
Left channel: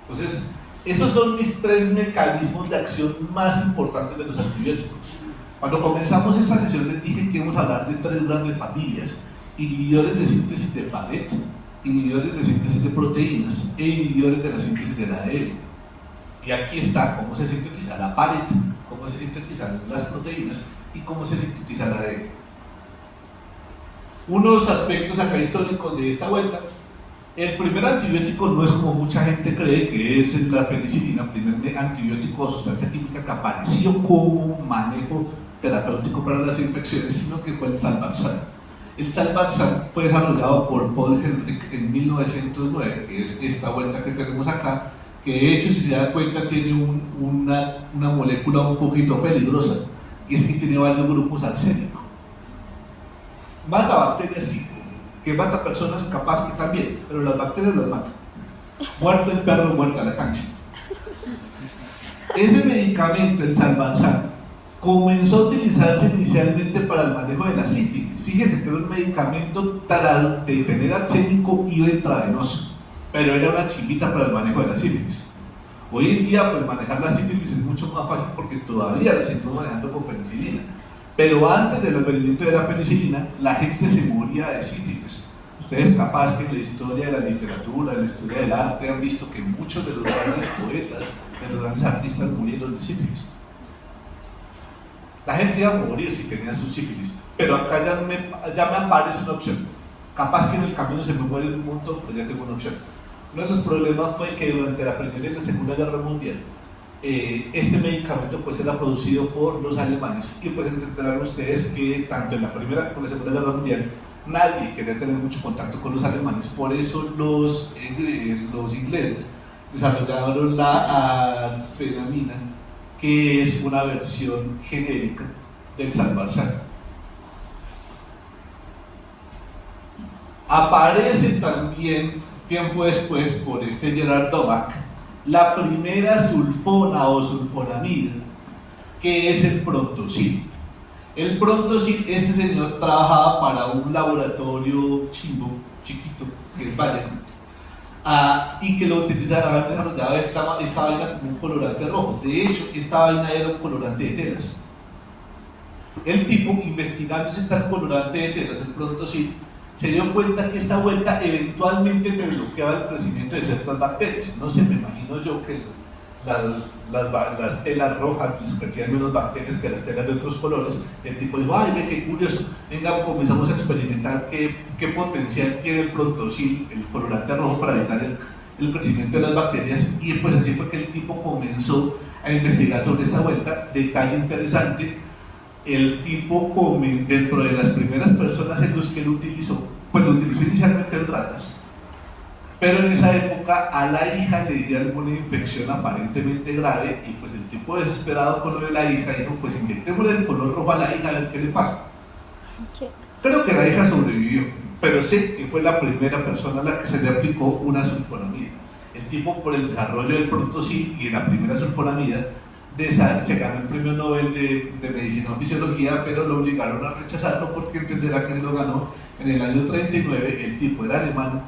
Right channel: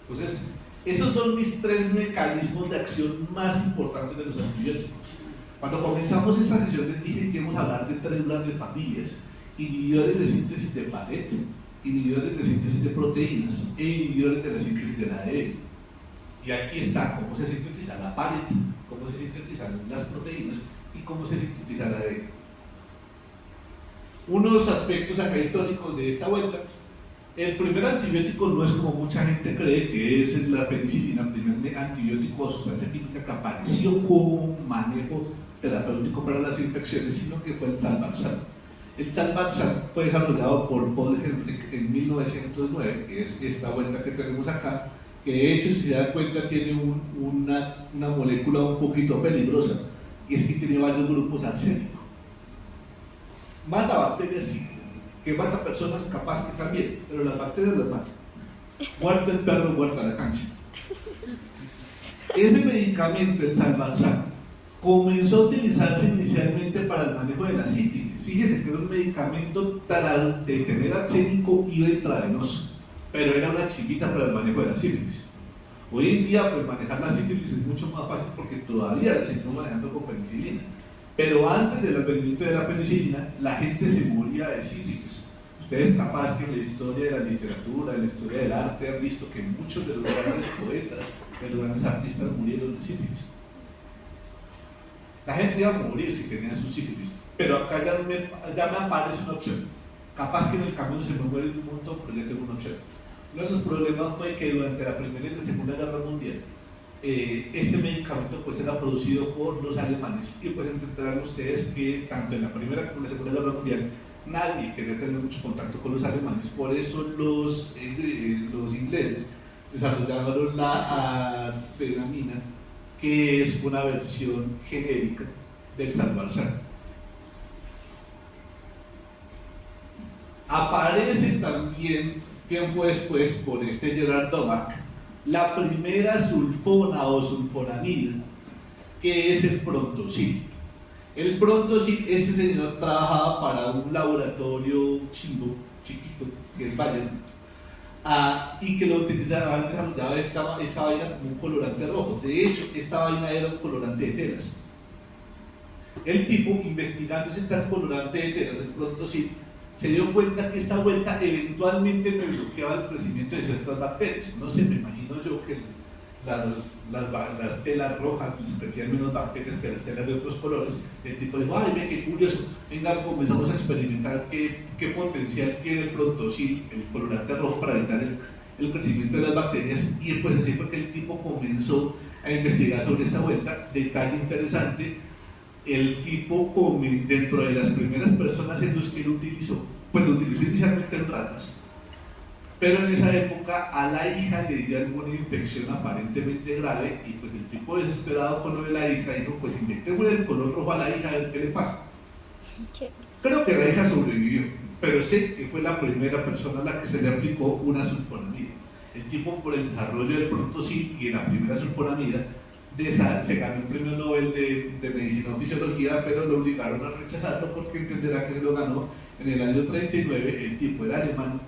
Entonces, esos son mis 3 mecanismos de acción más importantes de los antibióticos. Cuando comenzamos esta sesión les dije que íbamos a hablar de 3 grandes familias: inhibidores de síntesis de paret, inhibidores de síntesis de proteínas e inhibidores de la síntesis del ADN. Y aquí está cómo se sintetiza la paret, cómo se sintetizan las proteínas y cómo se sintetiza el ADN. Unos aspectos acá históricos de esta vuelta: el primer antibiótico no es como mucha gente cree, que es la penicilina, el primer antibiótico o sustancia química que apareció como manejo terapéutico para las infecciones, sino que fue el Salvarsan. El Salvarsan fue desarrollado por Paul Ehrlich en 1909, que es esta vuelta que tenemos acá, que de hecho, si se dan cuenta, tiene una molécula un poquito peligrosa, y es que tiene varios grupos arsénicos. Mata bacterias, sí, que mata personas capaz que también, pero las bacterias las matan. Muerto el perro, muerta la cancha. Ese medicamento, el Salvarsan, comenzó a utilizarse inicialmente para el manejo de la sífilis. Fíjense que era un medicamento de tener arsénico y intravenoso, pero era una chiquita para el manejo de la sífilis. Hoy en día, pues manejar la sífilis es mucho más fácil porque todavía la seguimos manejando con penicilina. Pero antes del advenimiento de la penicilina, la gente se moría de sífilis. Ustedes capaz que en la historia de la literatura, en la historia del arte, han visto que muchos de los grandes poetas, de los grandes artistas murieron de sífilis. La gente iba a morir si tenía su sífilis, pero acá ya me aparece una opción. Capaz que en el camino se me mueren un montón, pero ya tengo una opción. Uno de los problemas fue que durante la Primera y la Segunda Guerra Mundial, este medicamento pues era producido por los alemanes, y pues entenderán ustedes que tanto en la Primera como en la Segunda Guerra Mundial nadie quería tener mucho contacto con los alemanes. Por eso los ingleses desarrollaron la arsfenamina, que es una versión genérica del Salvarsan. Aparece también tiempo después por Gerard Domack la primera sulfona o sulfonamida, que es el Prontosil. El pronto sí, este señor trabajaba para un laboratorio chimbo, chiquito, que es Bayer, y que lo utilizaba, desarrollaba esta vaina como un colorante rojo. De hecho, esta vaina era un colorante de telas. El tipo, investigando ese tal colorante de telas, el pronto sí, se dio cuenta que esta vuelta eventualmente te bloqueaba el crecimiento de ciertas bacterias. No sé, me imagino yo que las telas rojas les crecían menos bacterias que las telas de otros colores. Y el tipo dijo, ay, ve qué curioso, venga, comenzamos a experimentar qué potencial tiene el prontosil, el colorante rojo, para evitar el crecimiento de las bacterias. Y pues así fue que el tipo comenzó a investigar sobre esta vuelta. Detalle interesante, el tipo, dentro de las primeras personas en los que lo utilizó, pues lo utilizó inicialmente en ratas, pero en esa época a la hija le dio alguna infección aparentemente grave, y pues el tipo, desesperado con lo de la hija, dijo, pues inyectémosle el color rojo a la hija a ver qué le pasa. Creo que la hija sobrevivió, pero sé que fue la primera persona a la que se le aplicó una sulfonamida. El tipo, por el desarrollo del prontosil y de la primera sulfonamida, se ganó el premio Nobel de Medicina o Fisiología, pero lo obligaron a rechazarlo porque entenderá que se lo ganó en el año 39. El tipo era alemán,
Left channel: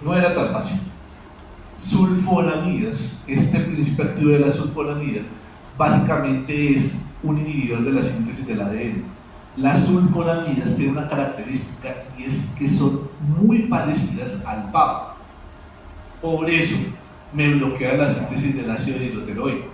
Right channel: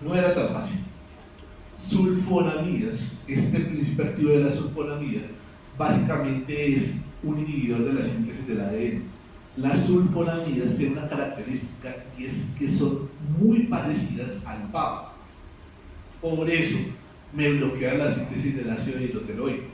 no era tan fácil. Sulfonamidas, este principio activo de la sulfonamida básicamente es un inhibidor de la síntesis del ADN. Las sulfonamidas tienen una característica, y es que son muy parecidas al PAP. Por eso me bloquea la síntesis del ácido dihidroteroico.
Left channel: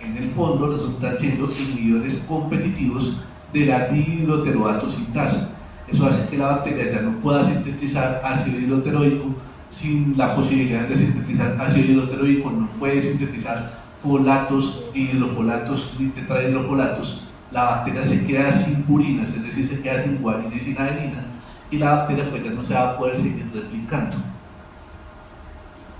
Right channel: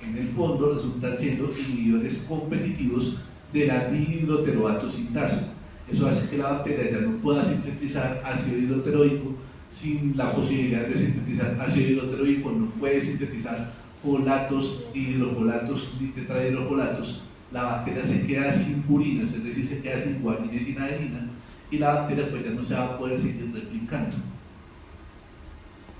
En el fondo resultan siendo inhibidores competitivos de la dihidroteroato sintasa. Eso hace que la bacteria ya no pueda sintetizar ácido dihidroteroico. Sin la posibilidad de sintetizar ácido dihidroteroico, no puede sintetizar folatos, dihidrofolatos ni tetrahidrofolatos. La bacteria se queda sin purinas, es decir, se queda sin guanina y sin adenina, y la bacteria pues ya no se va a poder seguir replicando.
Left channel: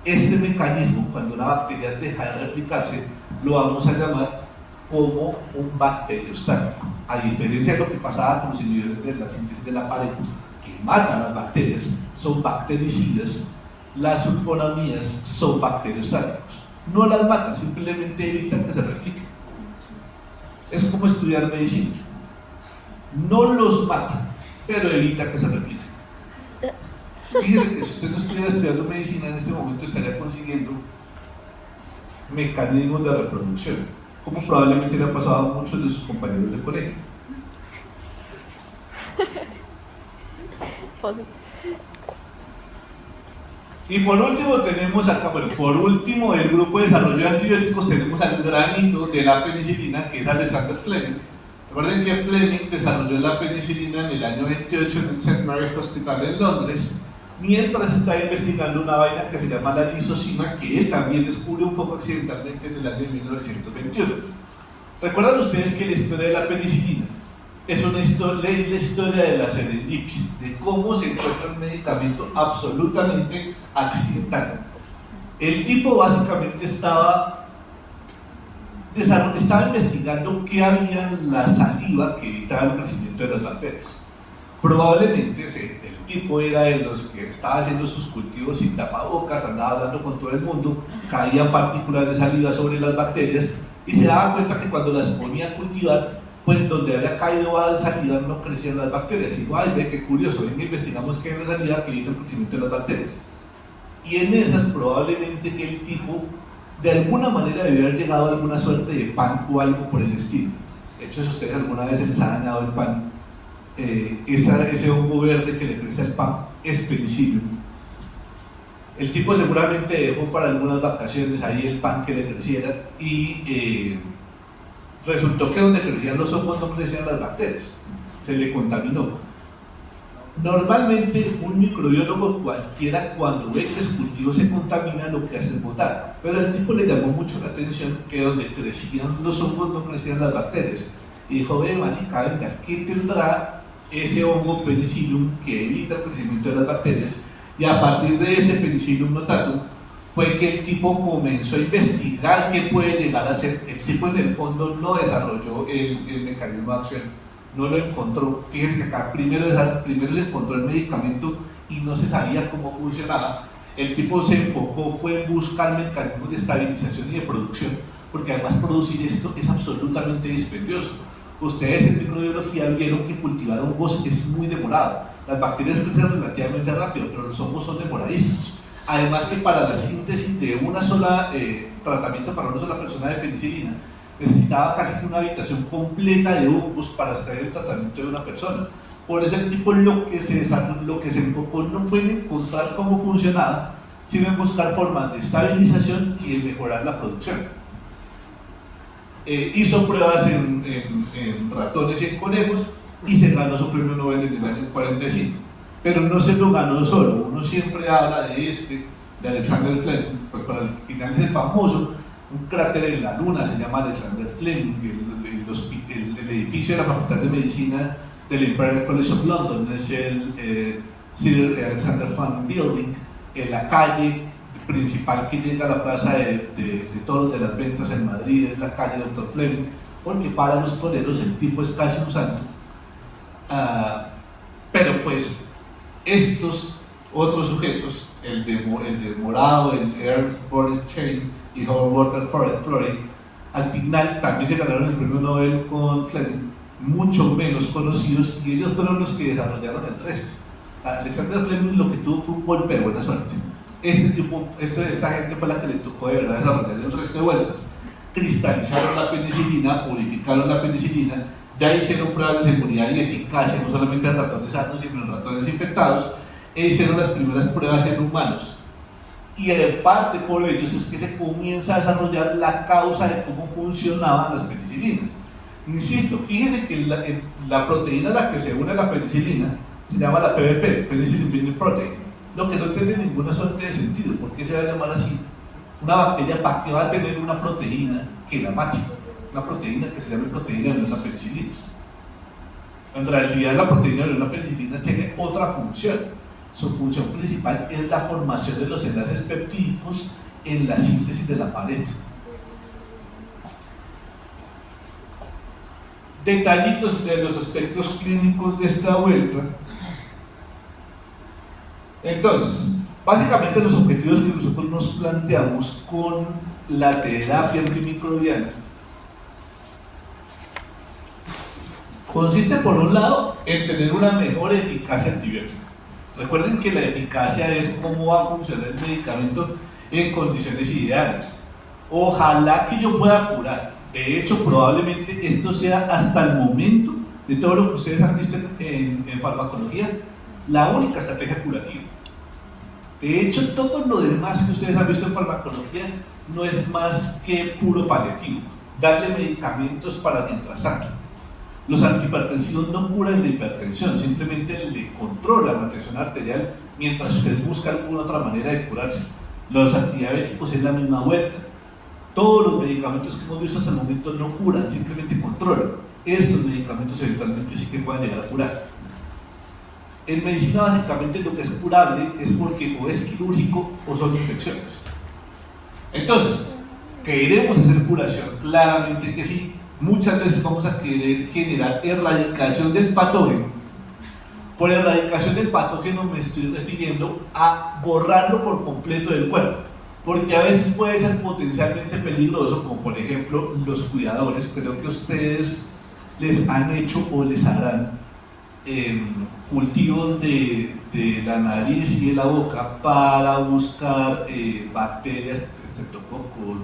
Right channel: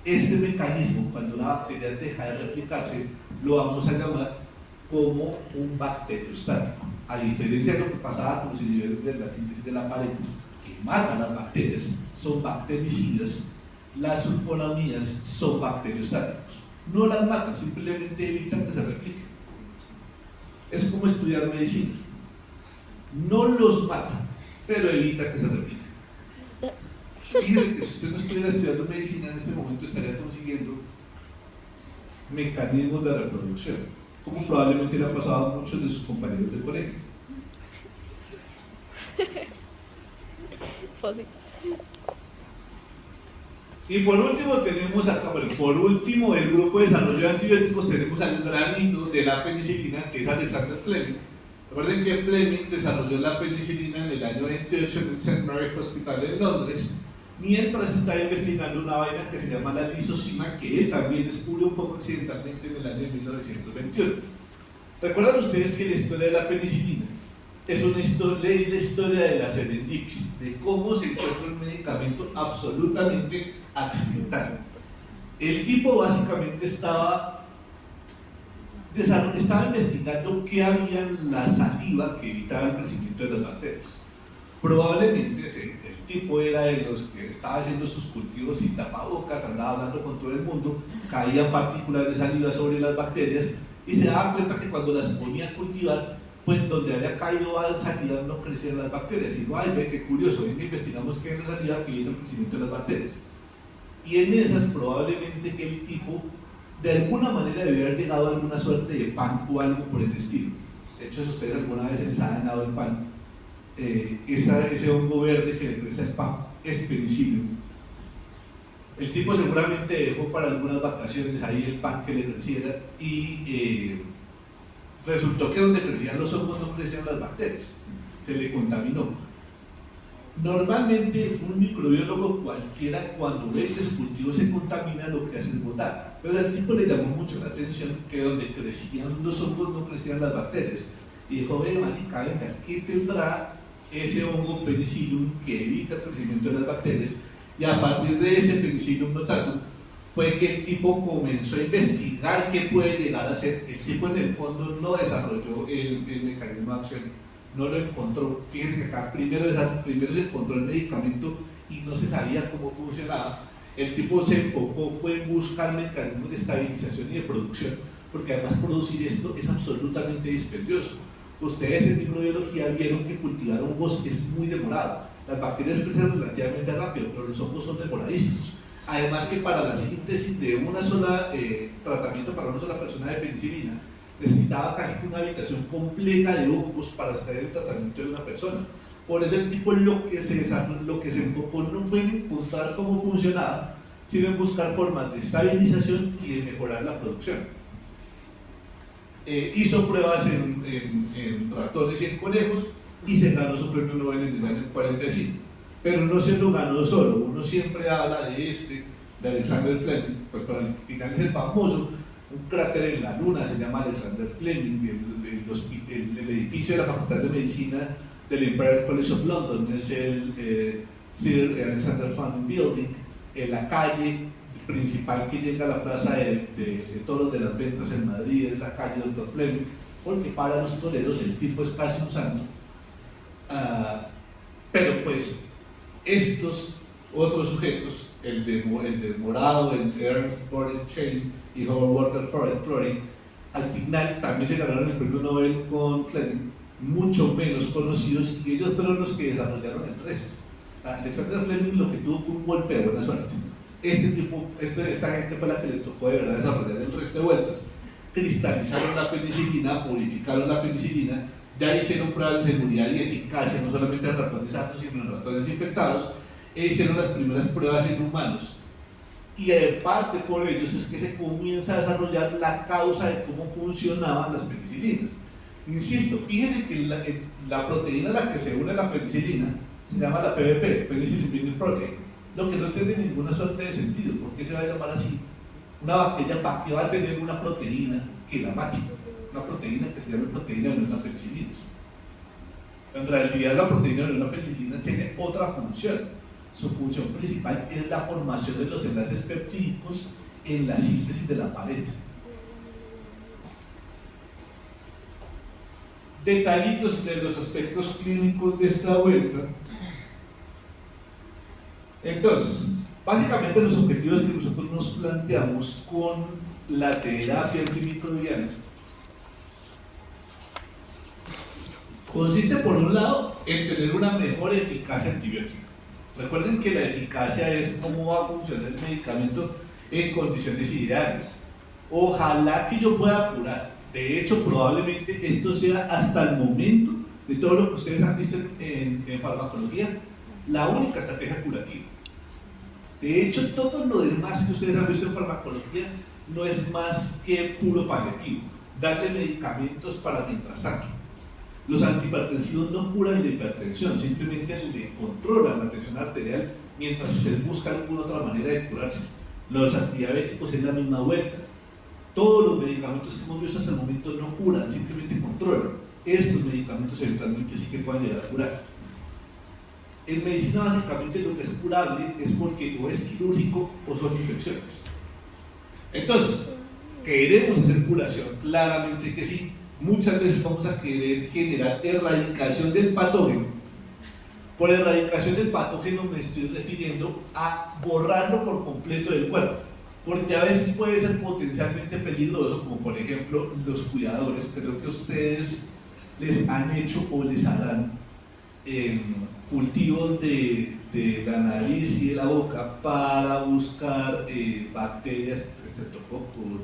Este mecanismo, cuando una bacteria deja de replicarse, lo vamos a llamar como un bacteriostático. A diferencia de lo que pasaba con los inhibidores de la síntesis de la pared, que matan las bacterias, son bactericidas, las sulfonamidas son bacteriostáticos. No las matan, simplemente evitan que se repliquen. Es como estudiar medicina. No los mata, pero evita que se repliquen. Fíjese que si usted no estuviera estudiando medicina en este momento, estaría consiguiendo mecanismos de reproducción, como probablemente le ha pasado a muchos de sus compañeros de colegio. Y por último tenemos acá, bueno, por último del grupo de desarrollo de antibióticos tenemos al granito de la penicilina, que es Alexander Fleming. Recuerden que Fleming desarrolló la penicilina en el año 28 en el St. Mary's Hospital en Londres, mientras estaba investigando una vaina que se llama la lisocima, que él también descubrió un poco accidentalmente en el año 1921. ¿Recuerdan ustedes que la historia de la penicilina es la historia de la serendipia, de cómo se encuentra un medicamento absolutamente accidental? El tipo básicamente estaba investigando qué había en la saliva que evitaba el crecimiento de las bacterias. Probablemente el tipo era de los que estaba haciendo sus cultivos sin tapabocas, andaba hablando con todo el mundo, caían partículas de saliva sobre las bacterias y se daba cuenta que cuando las ponía a cultivar, pues donde había caído a saliva no crecían las bacterias. Y digo, ay, ve qué curioso, venga, investigamos qué hay en la saliva que evita el crecimiento de las bacterias. Y en esas probablemente que el tipo de alguna manera debió haber llegado a alguna suerte de pan o algo por el estilo. De hecho, si ustedes alguna vez se les ha dañado el pan, ese hongo verde que le crece al pan es penicillium. El tipo seguramente dejó para algunas vacaciones ahí el pan que le creciera, y resultó que donde crecían los hongos no crecían las bacterias, se le contaminó. Normalmente un microbiólogo cualquiera, cuando ve que su cultivo se contamina, lo que hace es botar, pero al tipo le llamó mucho la atención que donde crecían los hongos no crecían las bacterias, y dijo, ve marica, venga, ¿qué tendrá ese hongo penicillium que evita el crecimiento de las bacterias? Y a partir de ese penicillium notatum fue que el tipo comenzó a investigar qué puede llegar a ser. El tipo en el fondo no desarrolló el mecanismo de acción, no lo encontró. Fíjense que acá primero se encontró el medicamento y no se sabía cómo funcionaba. El tipo se enfocó, fue en buscar mecanismos de estabilización y de producción, porque además producir esto es absolutamente dispendioso. Ustedes en microbiología vieron que cultivar hongos es muy demorado. Las bacterias crecen relativamente rápido, pero los hongos son demoradísimos. Además que para la síntesis de una sola tratamiento para una sola persona de penicilina, necesitaba casi que una habitación completa de hongos para extraer el tratamiento de una persona. Por eso el tipo lo que se enfocó no fue en encontrar cómo funcionaba, sino en buscar formas de estabilización y de mejorar la producción. Hizo pruebas en ratones y en conejos y se ganó su premio Nobel en el año 45. Pero no se lo ganó solo, uno siempre habla de Alexander Fleming, pues para el final es el famoso, un cráter en la luna, se llama Alexander Fleming, el edificio de la Facultad de Medicina del Imperial College of London, es el Sir Alexander Fleming Building, en la calle principal que llega a la plaza de toros de las ventas en Madrid, es la calle Dr. Fleming, porque para los toreros el tipo es casi un santo. Pero pues estos otros sujetos, el de morado, el Ernst Boris Chain y Howard Walter Florey, al final también se ganaron el premio Nobel con Fleming, mucho menos conocidos, y ellos fueron los que desarrollaron el resto. Alexander Fleming lo que tuvo fue un golpe de buena suerte. Esta gente fue la que le tocó de verdad desarrollar el resto de vueltas. Cristalizaron la penicilina, purificaron la penicilina, ya hicieron pruebas de seguridad y eficacia, no solamente en ratones sanos, sino en ratones infectados, e hicieron las primeras pruebas en humanos. Y en parte por ellos es que se comienza a desarrollar la causa de cómo funcionaban las penicilinas. Insisto, fíjense que la proteína a la que se une la penicilina se llama la PBP, Penicillin Binding Protein, lo que no tiene ninguna suerte de sentido. ¿Por qué se va a llamar así? Una bacteria, ¿para qué va a tener una proteína que la mate? Una proteína que se llame proteína de una penicilina. En realidad la proteína de una penicilina tiene otra función. Su función principal es la formación de los enlaces peptídicos en la síntesis de la pared. Detallitos de los aspectos clínicos de esta vuelta. Entonces, básicamente los objetivos que nosotros nos planteamos con la terapia antimicrobiana consiste por un lado en tener una mejor eficacia antibiótica. Recuerden que la eficacia es cómo va a funcionar el medicamento en condiciones ideales. Ojalá que yo pueda curar. De hecho, probablemente esto sea hasta el momento de todo lo que ustedes han visto en farmacología, la única estrategia curativa. De hecho, todo lo demás que ustedes han visto en farmacología no es más que puro paliativo, darle medicamentos para mientras tanto. Los antihipertensivos no curan la hipertensión, simplemente le controlan la tensión arterial mientras usted busca alguna otra manera de curarse. Los antidiabéticos es la misma vuelta. Todos los medicamentos que hemos visto hasta el momento no curan, simplemente controlan. Estos medicamentos eventualmente sí que pueden llegar a curar. En medicina básicamente lo que es curable es porque o es quirúrgico o son infecciones. Entonces, ¿queremos hacer curación? Claramente que sí. Muchas veces vamos a querer generar erradicación del patógeno. Por erradicación del patógeno me estoy refiriendo a borrarlo por completo del cuerpo, porque a veces puede ser potencialmente peligroso, como por ejemplo los cuidadores. Creo que ustedes les han hecho o les harán cultivos de la nariz y de la boca para buscar bacterias, estreptococos,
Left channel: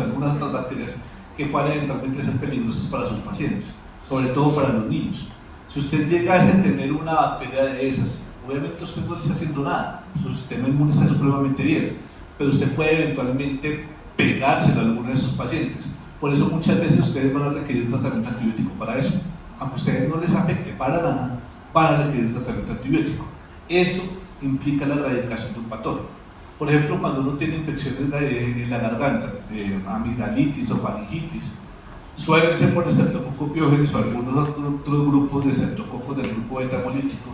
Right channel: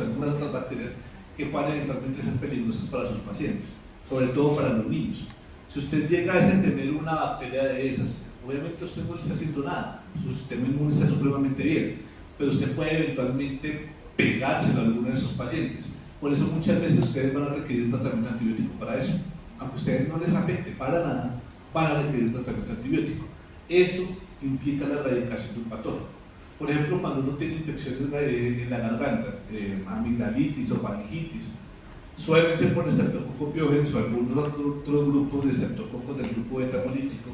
algunas otras bacterias que pueden eventualmente ser peligrosas para sus pacientes, sobre todo para los niños. Si usted llegase a tener una bacteria de esas, obviamente usted no le está haciendo nada, su sistema inmune está supremamente bien, pero usted puede eventualmente pegárselo a alguno de esos pacientes. Por eso muchas veces ustedes van a requerir tratamiento antibiótico para eso. Aunque a ustedes no les afecte para nada, van a requerir tratamiento antibiótico. Eso implica la erradicación de un patógeno. Por ejemplo, cuando uno tiene infecciones en la garganta, amigdalitis o faringitis, suelen ser por estreptococcus pyogenes o algunos otros grupos de estreptococos del grupo beta-hemolítico.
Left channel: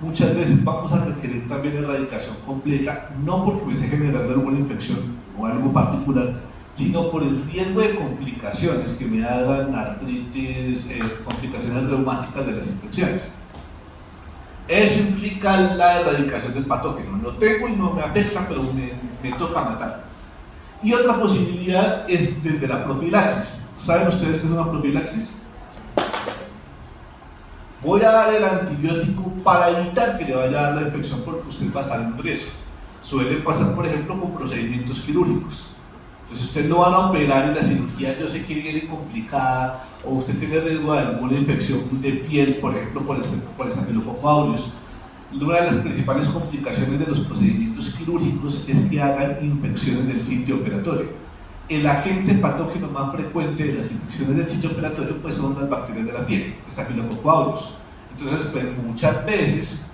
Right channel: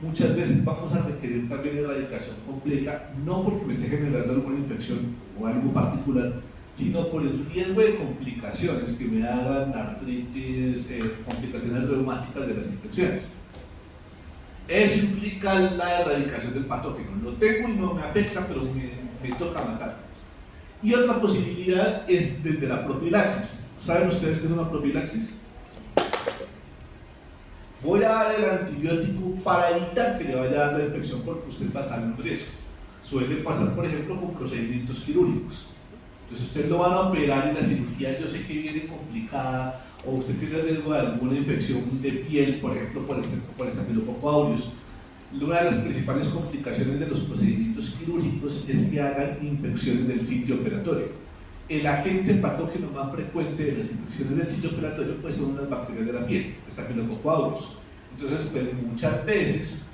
Muchas veces vamos a requerir también erradicación completa, no porque me esté generando alguna infección o algo particular, sino por el riesgo de complicaciones que me hagan artritis, complicaciones reumáticas de las infecciones. Eso implica la erradicación del patógeno. Lo tengo y no me afecta, pero me toca matar. Y otra posibilidad es desde la profilaxis. ¿Saben ustedes qué es una profilaxis? voy a dar el antibiótico para evitar que le vaya a dar la infección porque usted va a estar en riesgo. Suele pasar, por ejemplo, con procedimientos quirúrgicos. Entonces usted lo van a operar y la cirugía yo sé que viene complicada, o usted tiene riesgo de alguna infección de piel, por ejemplo, por Staphylococcus aureus. Una de las principales complicaciones de los procedimientos quirúrgicos es que hagan infecciones del sitio operatorio. El agente patógeno más frecuente de las infecciones del sitio operatorio pues son las bacterias de la piel, Staphylococcus aureus. Entonces, pues muchas veces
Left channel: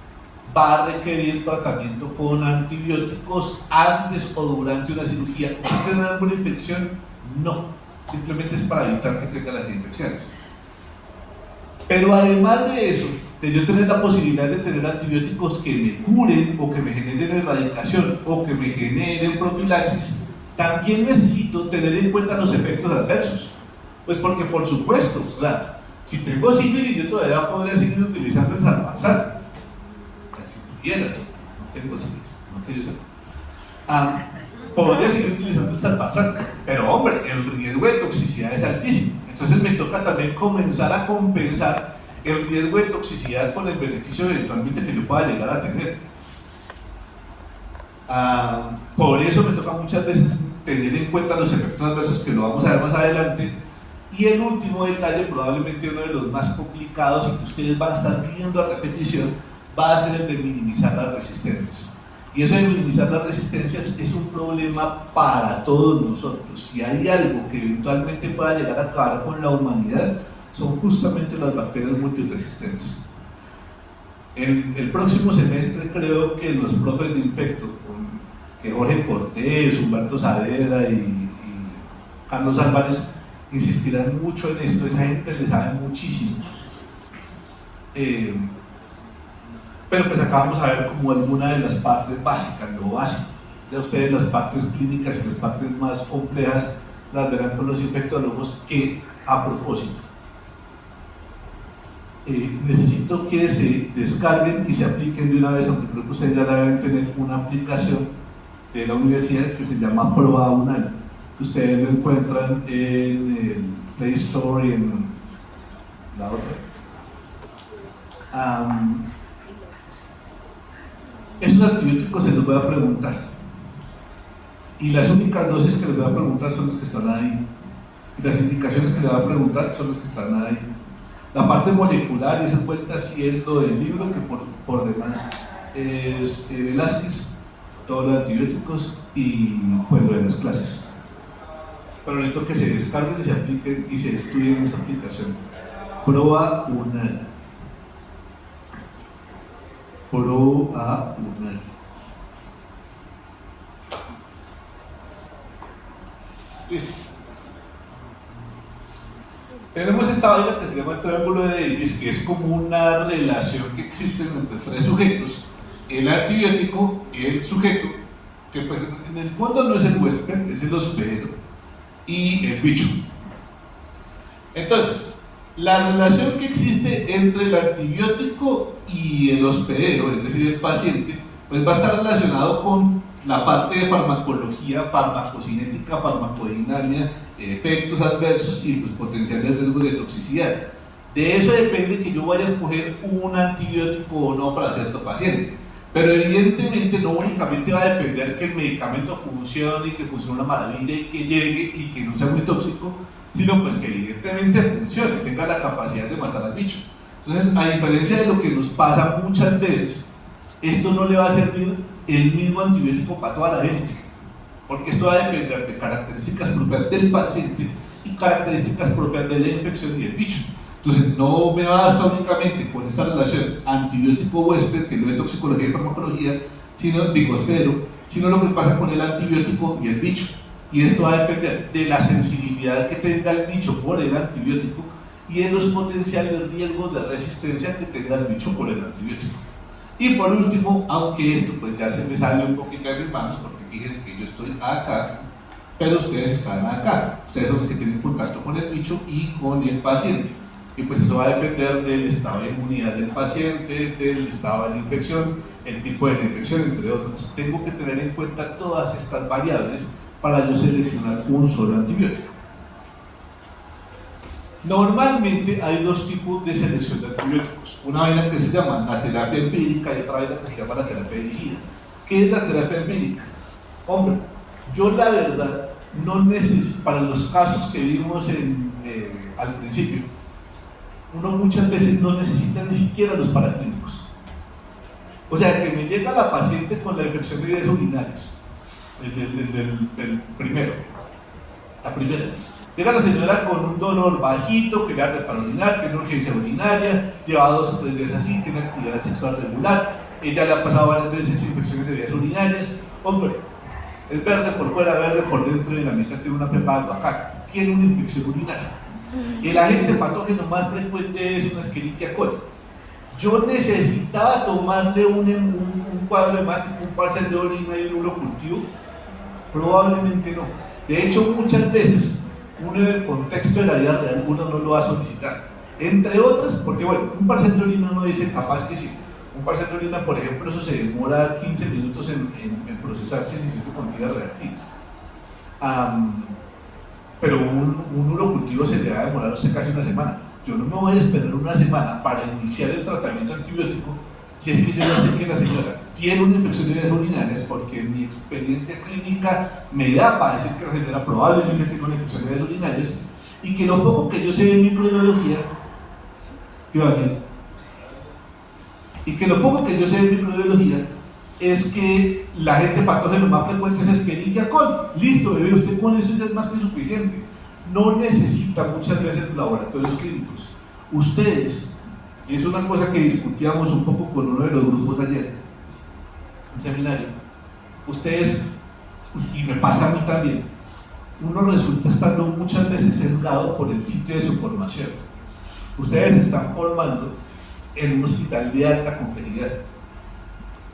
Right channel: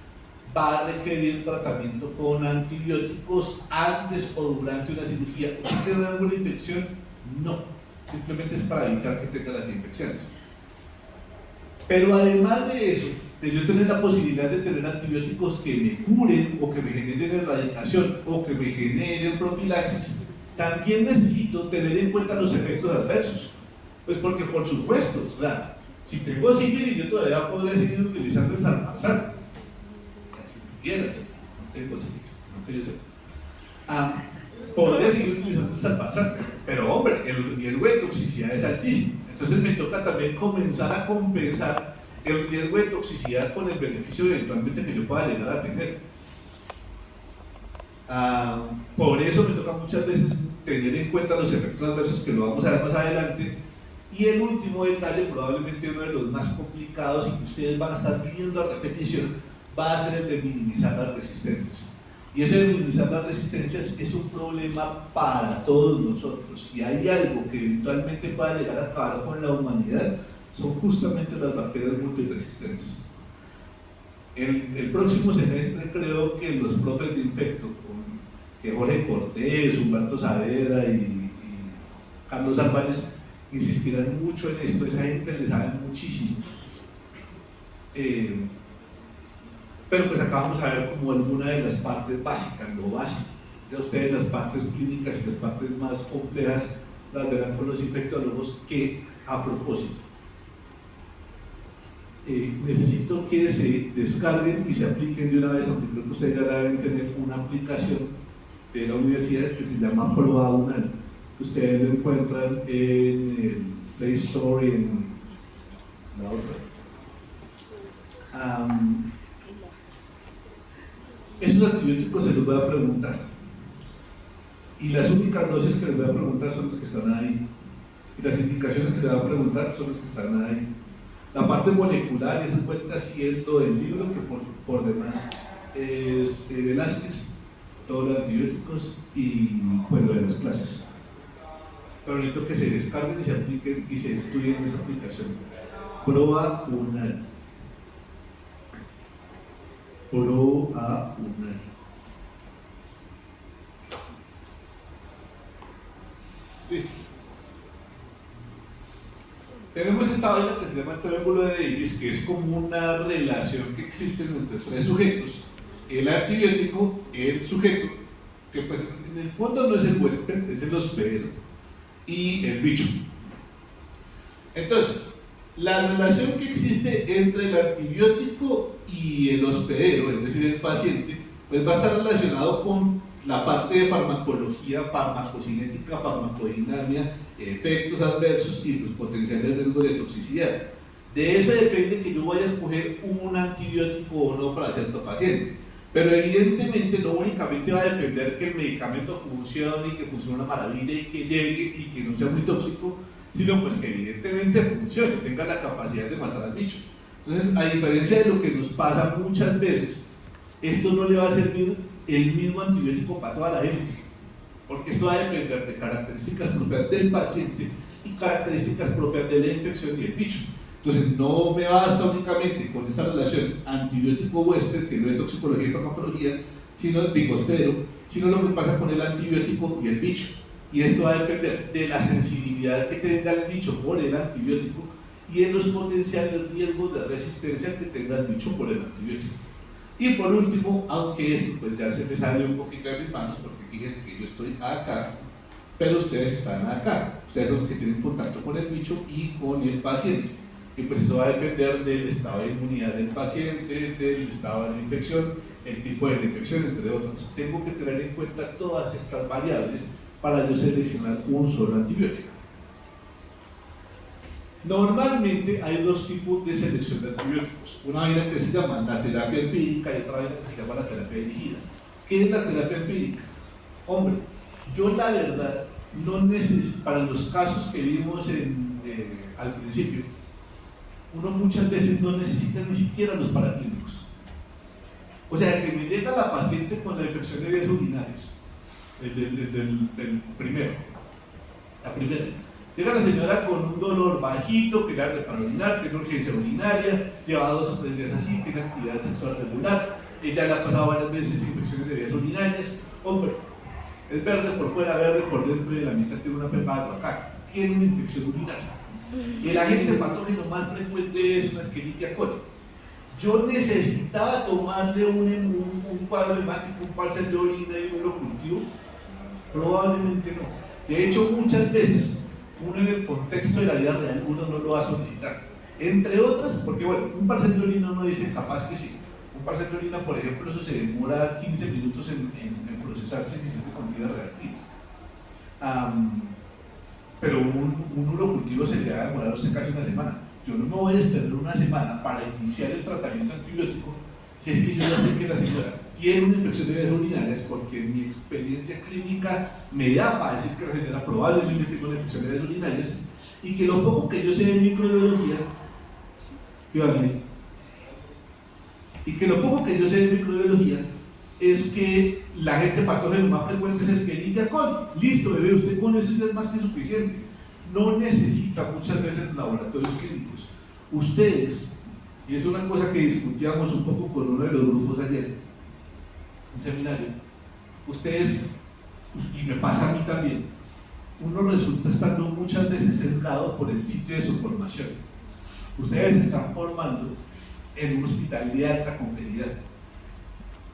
va a requerir tratamiento con antibióticos antes o durante una cirugía. ¿Usted tiene alguna infección? No, simplemente es para evitar que tenga las infecciones. Pero además de eso, de yo tener la posibilidad de tener antibióticos que me curen o que me generen erradicación o que me generen profilaxis, también necesito tener en cuenta los efectos adversos. Pues porque por supuesto, claro, si tengo sífilis yo todavía podría seguir utilizando el salvarsan. Si tuvieras, no tengo sífilis, no tengo sífilis. Podría seguir utilizando el salvarsan, pero hombre, el riesgo de toxicidad es altísimo. Entonces me toca también comenzar a compensar el riesgo de toxicidad con el beneficio eventualmente que yo pueda llegar a tener. Por eso me toca muchas veces tener en cuenta los efectos adversos, que lo vamos a ver más adelante. Y el último detalle, probablemente uno de los más complicados y que ustedes van a estar viendo a repetición, va a ser el de minimizar las resistencias. Y eso de minimizar las resistencias es un problema para todos nosotros. Si hay algo que eventualmente pueda llegar a acabar con la humanidad, son justamente las bacterias multiresistentes. El próximo semestre creo que los profes de Infecto, que Jorge Cortés, Humberto Saavedra y Carlos Álvarez, insistirán mucho en esto. Esa gente le sabe muchísimo. Pero pues acá vamos a ver como alguna de las partes básicas, lo básico. Ya ustedes las partes clínicas y las partes más complejas las verán con los infectólogos, que a propósito necesito que se descarguen y se apliquen de una vez, aunque creo que ustedes ya deben tener una aplicación de la universidad que se llama Proa UNAL, que ustedes lo encuentran en el Play Store y en la otra. Esos antibióticos se los voy a preguntar, y las únicas dosis que les voy a preguntar son las que están ahí, y las indicaciones que les voy a preguntar son las que están ahí. La parte molecular y esa vuelta sí es lo del libro, que por demás es Velázquez, todos los antibióticos y pues lo de las clases. Pero necesito que se descarguen y se apliquen y se estudien esa aplicación. Proa UNAL. Proa UNAL. Listo. Tenemos esta vaina que se llama el triángulo de Davis, que es como una relación que existe entre tres sujetos: el antibiótico, el sujeto, que pues en el fondo no es el huésped, es el hospedero, y el bicho. Entonces, la relación que existe entre el antibiótico y el hospedero, es decir, el paciente, pues va a estar relacionado con la parte de farmacología, farmacocinética, farmacodinámica, efectos adversos y los potenciales riesgos de toxicidad. De eso depende que yo vaya a escoger un antibiótico o no para cierto paciente. Pero evidentemente no únicamente va a depender que el medicamento funcione y que funcione una maravilla y que llegue y que no sea muy tóxico, sino pues que evidentemente funcione, tenga la capacidad de matar al bicho. Entonces, a diferencia de lo que nos pasa muchas veces, esto no le va a servir el mismo antibiótico para toda la gente, porque esto va a depender de características propias del paciente y características propias de la infección y del bicho. Entonces no me basta únicamente con esta relación antibiótico-huésped, que es lo de toxicología y farmacología, sino lo que pasa con el antibiótico y el bicho. Y esto va a depender de la sensibilidad que tenga el bicho por el antibiótico y de los potenciales riesgos de resistencia que tenga el bicho por el antibiótico. Y por último, aunque esto pues ya se me sale un poquito de mis manos, porque fíjense que yo estoy acá, pero ustedes están acá. Ustedes son los que tienen contacto con el bicho y con el paciente. Y pues eso va a depender del estado de inmunidad del paciente, del estado de la infección, el tipo de la infección, entre otras. Tengo que tener en cuenta todas estas variables para yo seleccionar un solo antibiótico. Normalmente hay dos tipos de selección de antibióticos. Una vaina que se llama la terapia empírica y otra vaina que se llama la terapia dirigida. ¿Qué es la terapia empírica? Hombre, yo la verdad no necesito, para los casos que vimos al principio, uno muchas veces no necesita ni siquiera los paraclínicos. O sea, que me llega la paciente con la infección de vías urinarias, el primero, la primera. Llega la señora con un dolor bajito, que le arde para orinar, tiene urgencia urinaria, lleva 2 o 3 días así, tiene actividad sexual regular, ella le ha pasado varias veces infecciones de vías urinarias. Hombre, es verde por fuera, verde por dentro y la mitad tiene una pepa de aguacate, tiene una infección urinaria. El agente patógeno más frecuente es una Escherichia coli. Yo necesitaba tomarle un cuadro hemático, un parcial de orina y un urocultivo. Probablemente no. De hecho, muchas veces uno en el contexto de la vida real uno no lo va a solicitar, entre otras porque bueno, un parcial de orina no dice capaz que sí. Un parcial de orina, por ejemplo, eso se demora 15 minutos en procesarse si se contiene reactivas. Pero un urocultivo se le va a demorar a usted casi una semana. Yo no me voy a esperar una semana para iniciar el tratamiento antibiótico si es que yo ya sé que la señora tiene una infección de vías urinarias, porque mi experiencia clínica me da para decir que la señora probablemente tiene una infección de vías urinarias y que lo poco que yo sé de microbiología, es que la agente patógeno más frecuente es Escherichia coli. Listo, bebé, usted con eso ya es más que suficiente. No necesita muchas veces laboratorios clínicos. Ustedes, y es una cosa que discutíamos un poco con uno de los grupos ayer, en seminario, ustedes, y me pasa a mí también, uno resulta estando muchas veces sesgado por el sitio de su formación. Ustedes se están formando en un hospital de alta complejidad.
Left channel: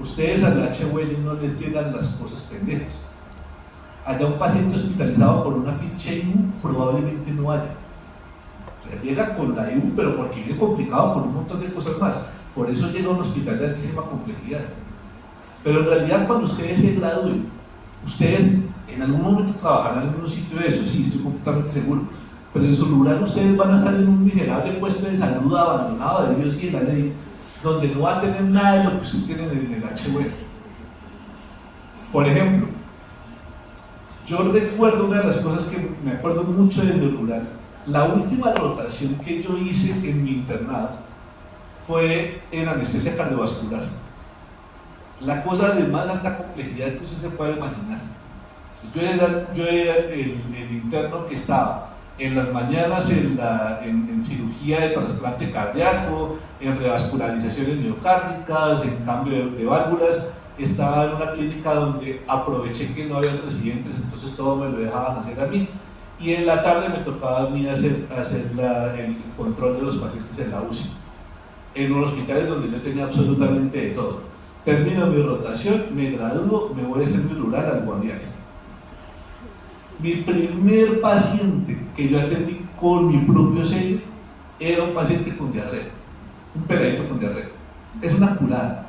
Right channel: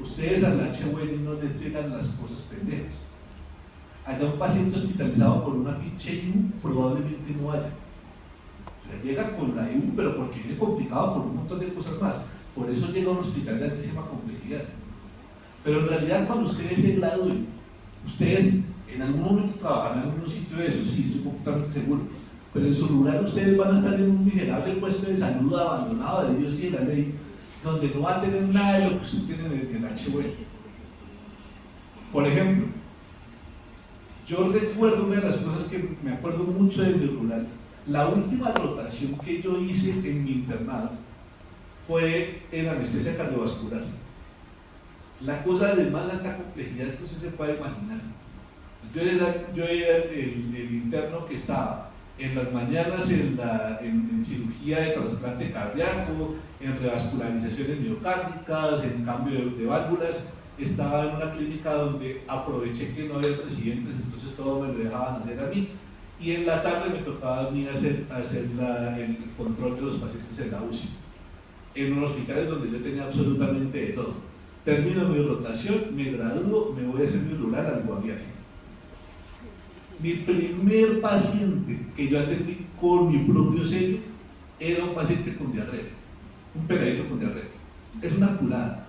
Ustedes al HUL no les llegan las cosas pendejas. Allá un paciente hospitalizado por una pinche IU probablemente no haya. O sea, llega con la IU, pero porque viene complicado por un montón de cosas más. Por eso llega a un hospital de altísima complejidad. Pero en realidad, cuando ustedes se gradúen, ustedes en algún momento trabajarán en un sitio de eso, sí, estoy completamente seguro. Pero en su lugar ustedes van a estar en un miserable puesto de salud abandonado de Dios y de la ley, donde no va a tener nada de lo que usted tiene en el HUL. Por ejemplo, yo recuerdo una de las cosas que me acuerdo mucho del rural. La última rotación que yo hice en mi internado fue en anestesia cardiovascular. La cosa de más alta complejidad que usted se puede imaginar. Yo era el interno que estaba en las mañanas en cirugía de trasplante cardíaco, en revascularizaciones miocárdicas, en cambio de válvulas. Estaba en una clínica donde aproveché que no había residentes, entonces todo me lo dejaban hacer a mí, y en la tarde me tocaba a mí hacer el control de los pacientes en la UCI, en unos hospitales donde yo tenía absolutamente de todo. Termino mi rotación, me gradúo, me voy a hacer mi rural al Guaviare. Mi primer paciente que yo atendí con mi propio sello era un paciente con diarrea, un peladito con diarrea. Es una curada.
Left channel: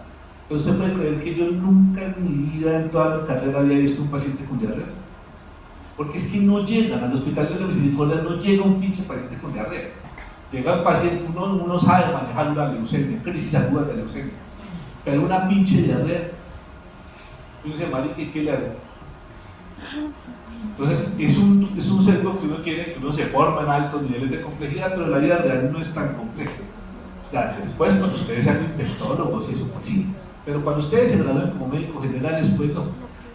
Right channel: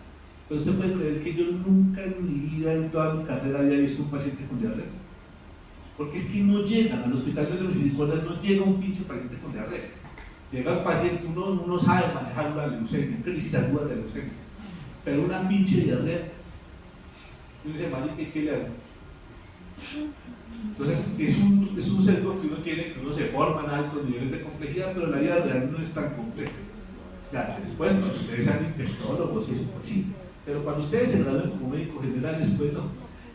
Pero usted puede creer que yo nunca en mi vida, en toda mi carrera, había visto un paciente con diarrea. Porque es que no llegan al hospital de la misericordia, no llega un pinche paciente con diarrea. Llega el paciente, uno sabe manejar una leucemia, crisis aguda de leucemia, pero una pinche diarrea, uno dice, marica, ¿qué le hago? Entonces es un sesgo que uno tiene, que uno se forma en altos niveles de complejidad, pero la vida real no es tan compleja. Ya después, cuando ustedes sean infectólogos y eso, pues sí, pero cuando ustedes se gradúen como médicos generales, pues no.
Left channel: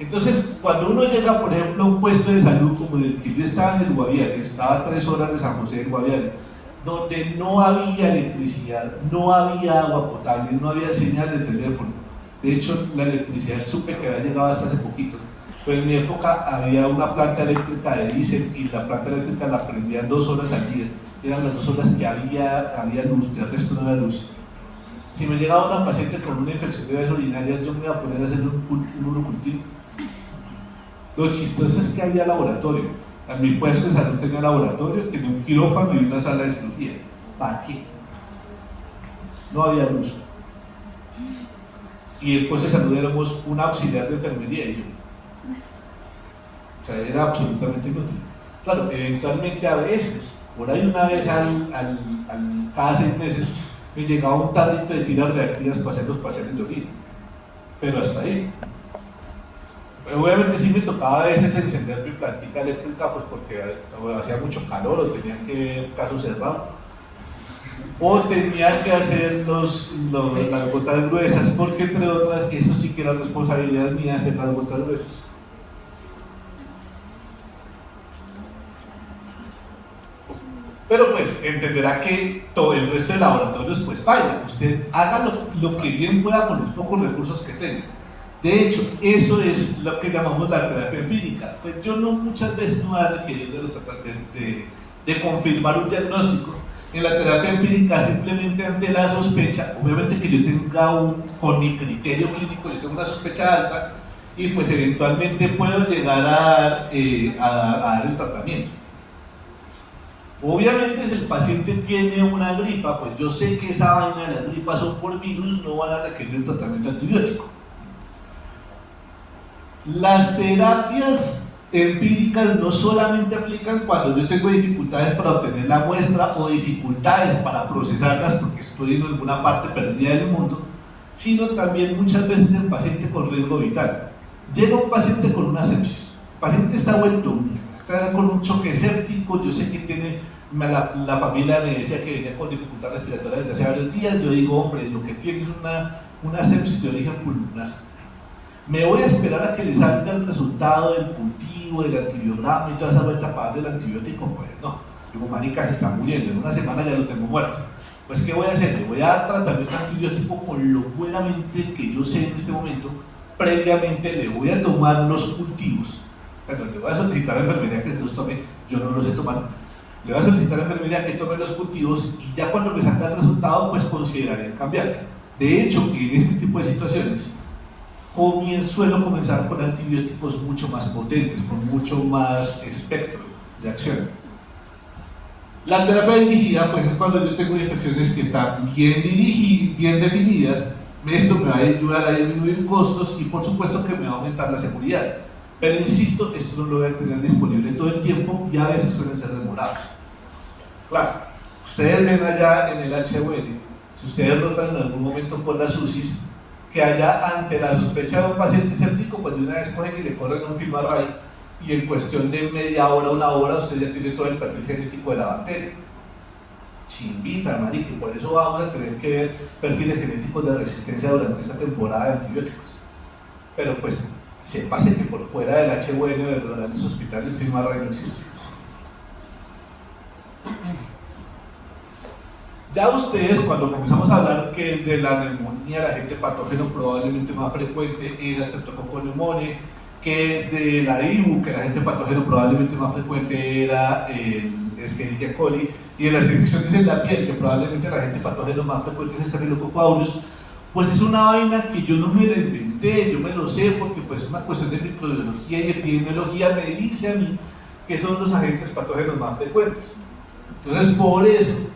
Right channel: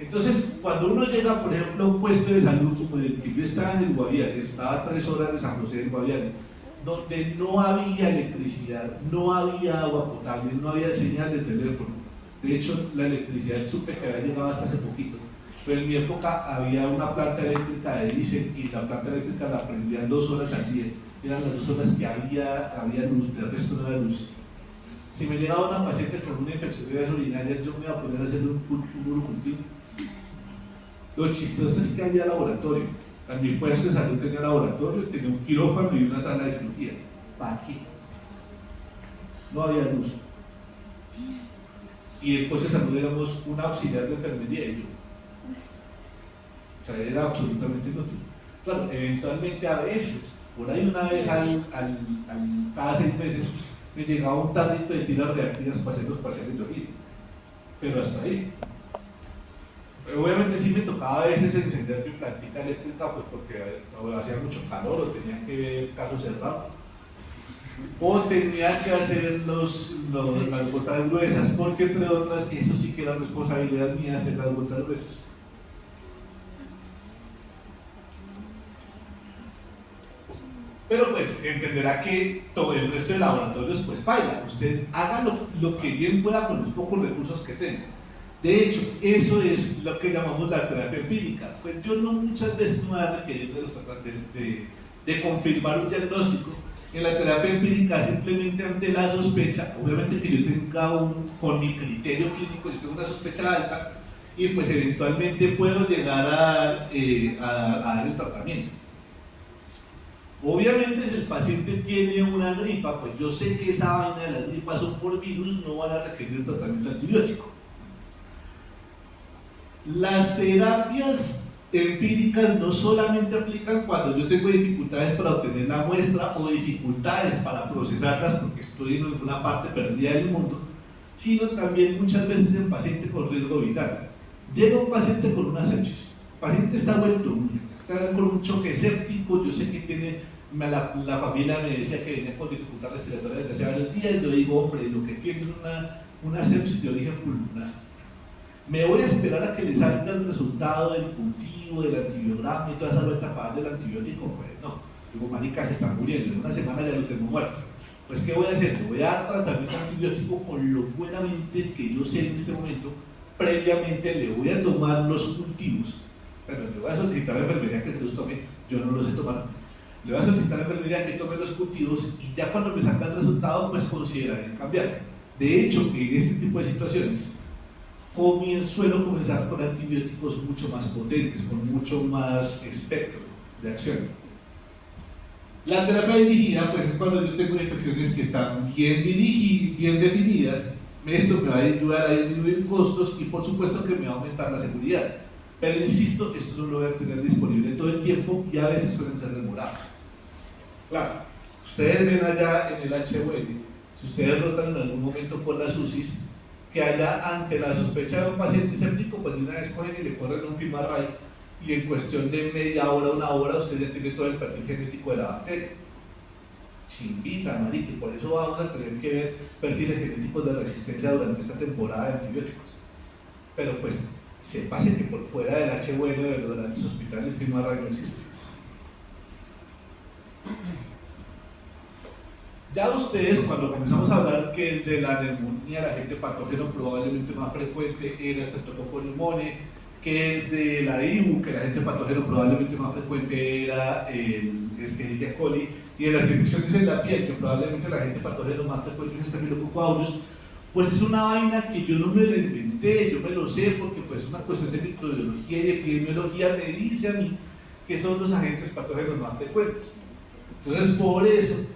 Entonces, cuando uno llega, por ejemplo, a un puesto de salud como el que yo estaba en el Guaviare, estaba a 3 horas de San José del Guaviare, donde no había electricidad, no había agua potable, no había señal de teléfono. De hecho, la electricidad supe que había llegado hasta hace poquito, pero en mi época había una planta eléctrica de diésel y la planta eléctrica la prendían 2 horas al día. Eran las 2 horas que había luz, del resto no había luz. Si me llegaba una paciente con una infección de vías urinarias, yo me iba a poner a hacer un urocultivo. Lo chistoso es que había laboratorio. En mi puesto de salud tenía laboratorio, tenía un quirófano y una sala de cirugía. ¿Para qué? No había luz. Y el puesto de salud éramos un auxiliar de enfermería y yo. O sea, era absolutamente inútil. Claro, eventualmente a veces, por ahí una vez cada 6 meses, me llegaba un tarrito de tiras reactivas para hacer los parciales de orina, pero hasta ahí. Obviamente sí me tocaba a veces encender mi plantica eléctrica, pues porque hacía mucho calor o tenía que ver caso cerrado, o tenía que hacer las gotas gruesas, porque entre otras, eso sí que era responsabilidad mía hacer las gotas gruesas. Pero pues entenderá que todo el resto de laboratorios pues vaya, usted haga lo que bien pueda con los pocos recursos que tenga. De hecho, eso es lo que llamamos la terapia empírica. Pues yo no muchas veces me voy a requerir de confirmar un diagnóstico. En la terapia empírica, simplemente ante la sospecha, obviamente que yo tenga con mi criterio clínico, yo tengo una sospecha alta y pues eventualmente puedo llegar a dar el tratamiento. Obviamente si el paciente tiene una gripa, pues yo sé que esa vaina de las gripas son por virus, no van a requerir el tratamiento antibiótico. Las terapias empíricas no solamente aplican cuando yo tengo dificultades para obtener la muestra o dificultades para procesarlas porque estoy en alguna parte perdida del mundo, sino también muchas veces en paciente con riesgo vital. Llega un paciente con una sepsis, el paciente está vuelto mierda, está con un choque séptico, yo sé que tiene, la familia me decía que venía con dificultad respiratoria desde hace varios días, yo digo, hombre, lo que tiene es una sepsis de origen pulmonar. Me voy a esperar a que le salga el resultado del cultivo, del antibiograma y toda esa vuelta para darle el antibiótico. Pues no, digo, marica, se está muriendo, en una semana ya lo tengo muerto. Pues ¿qué voy a hacer? Le voy a dar tratamiento antibiótico con lo buenamente que yo sé en este momento. Previamente le voy a tomar los cultivos. Bueno, le voy a solicitar a la enfermería que se los tome, yo no los sé tomar. Le voy a solicitar a la enfermería que tome los cultivos y ya cuando me salga el resultado, pues consideraré cambiar. De hecho, en este tipo de situaciones, suelo comenzar con antibióticos mucho más potentes, con mucho más espectro de acción. La terapia dirigida pues es cuando yo tengo infecciones que están bien definidas. Esto me va a ayudar a disminuir costos y por supuesto que me va a aumentar la seguridad. Pero insisto, esto no lo voy a tener disponible todo el tiempo y a veces suelen ser demorados. Claro, ustedes ven allá en el HUL, si ustedes rotan en algún momento por las UCIs, que allá ante la sospecha de un paciente séptico, pues de una vez cogen y le corren un film array y en cuestión de media hora, una hora, usted ya tiene todo el perfil genético de la bacteria. Se invita, marica, y por eso vamos a tener que ver perfiles genéticos de resistencia durante esta temporada de antibióticos. Pero pues, sépase que por fuera del HUL de los grandes hospitales, film array no existe. Ya ustedes, cuando comenzamos a hablar que de la neumonía, el agente patógeno probablemente más frecuente era Streptococcus pneumoniae, que de la IBU, que el agente patógeno probablemente más frecuente era el Escherichia coli, y de las infecciones en la piel, que probablemente el agente patógeno más frecuente es Staphylococcus aureus, pues es una vaina que yo no me la inventé, yo me lo sé porque pues es una cuestión de microbiología y epidemiología, me dice a mí que son los agentes patógenos más frecuentes. Entonces, por eso,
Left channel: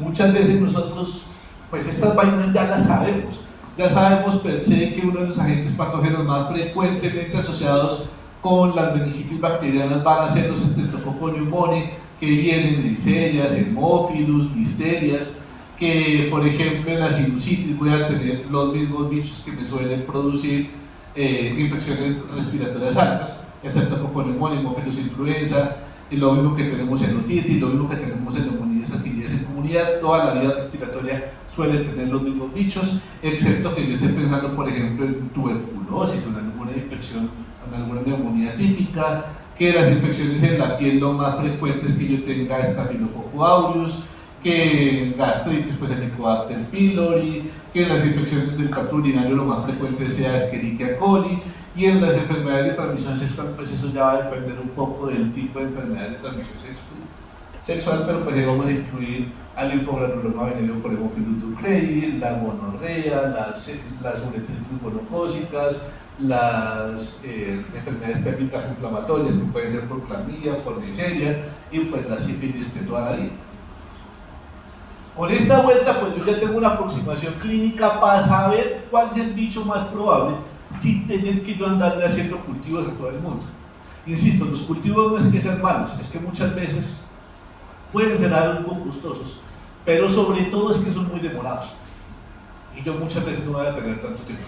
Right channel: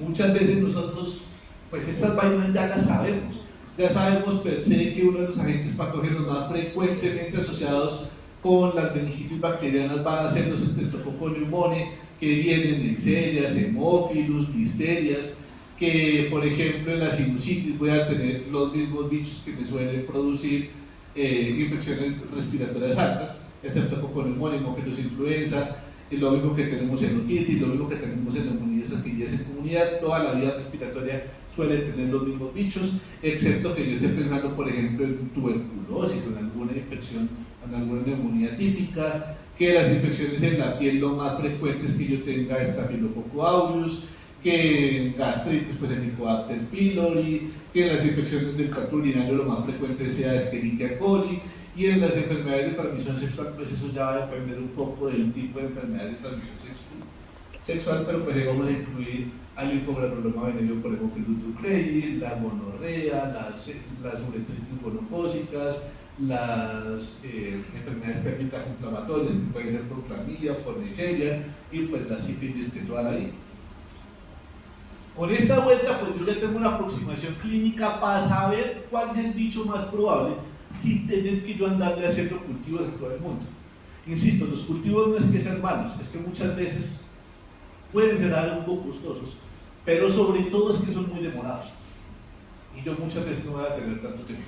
muchas veces nosotros, pues estas vainas ya sabemos per se que uno de los agentes patógenos más frecuentemente asociados con las meningitis bacterianas van a ser los Streptococcus pneumoniae, que vienen de Neisseria, Haemophilus, listerias, que por ejemplo en la sinusitis voy a tener los mismos bichos que me suelen producir infecciones respiratorias altas, Streptococcus pneumoniae, Haemophilus influenza, lo mismo que tenemos en otitis, lo mismo que tenemos en neumonías adquiridas en comunidad. Toda la vía respiratoria suele tener los mismos bichos, excepto que yo esté pensando, por ejemplo, en tuberculosis o en alguna infección, en alguna neumonía típica, que las infecciones en la piel lo más frecuente es que yo tenga Staphylococcus aureus, que en gastritis pues el Helicobacter pylori, que en las infecciones del tracto urinario lo más frecuente sea Escherichia coli, y en las enfermedades de transmisión sexual, pues eso ya va a depender un poco del tipo de enfermedad de transmisión sexual, pero pues ahí vamos a incluir al linfogranuloma venérea por Haemophilus ducreyi, la gonorrea, las uretritis gonocócicas, las enfermedades pélvicas inflamatorias que pueden ser por clamidia, por Neisseria y pues la sífilis de toda la vida. Con esta vuelta pues yo ya tengo una aproximación clínica para saber cuál es el bicho más probable sin tener que yo andarle haciendo cultivos a todo el mundo. Insisto, los cultivos no es que sean malos, es que muchas veces pueden ser algo costosos, pero sobre todo es que son muy demorados. Y yo muchas veces no voy a tener tanto tiempo.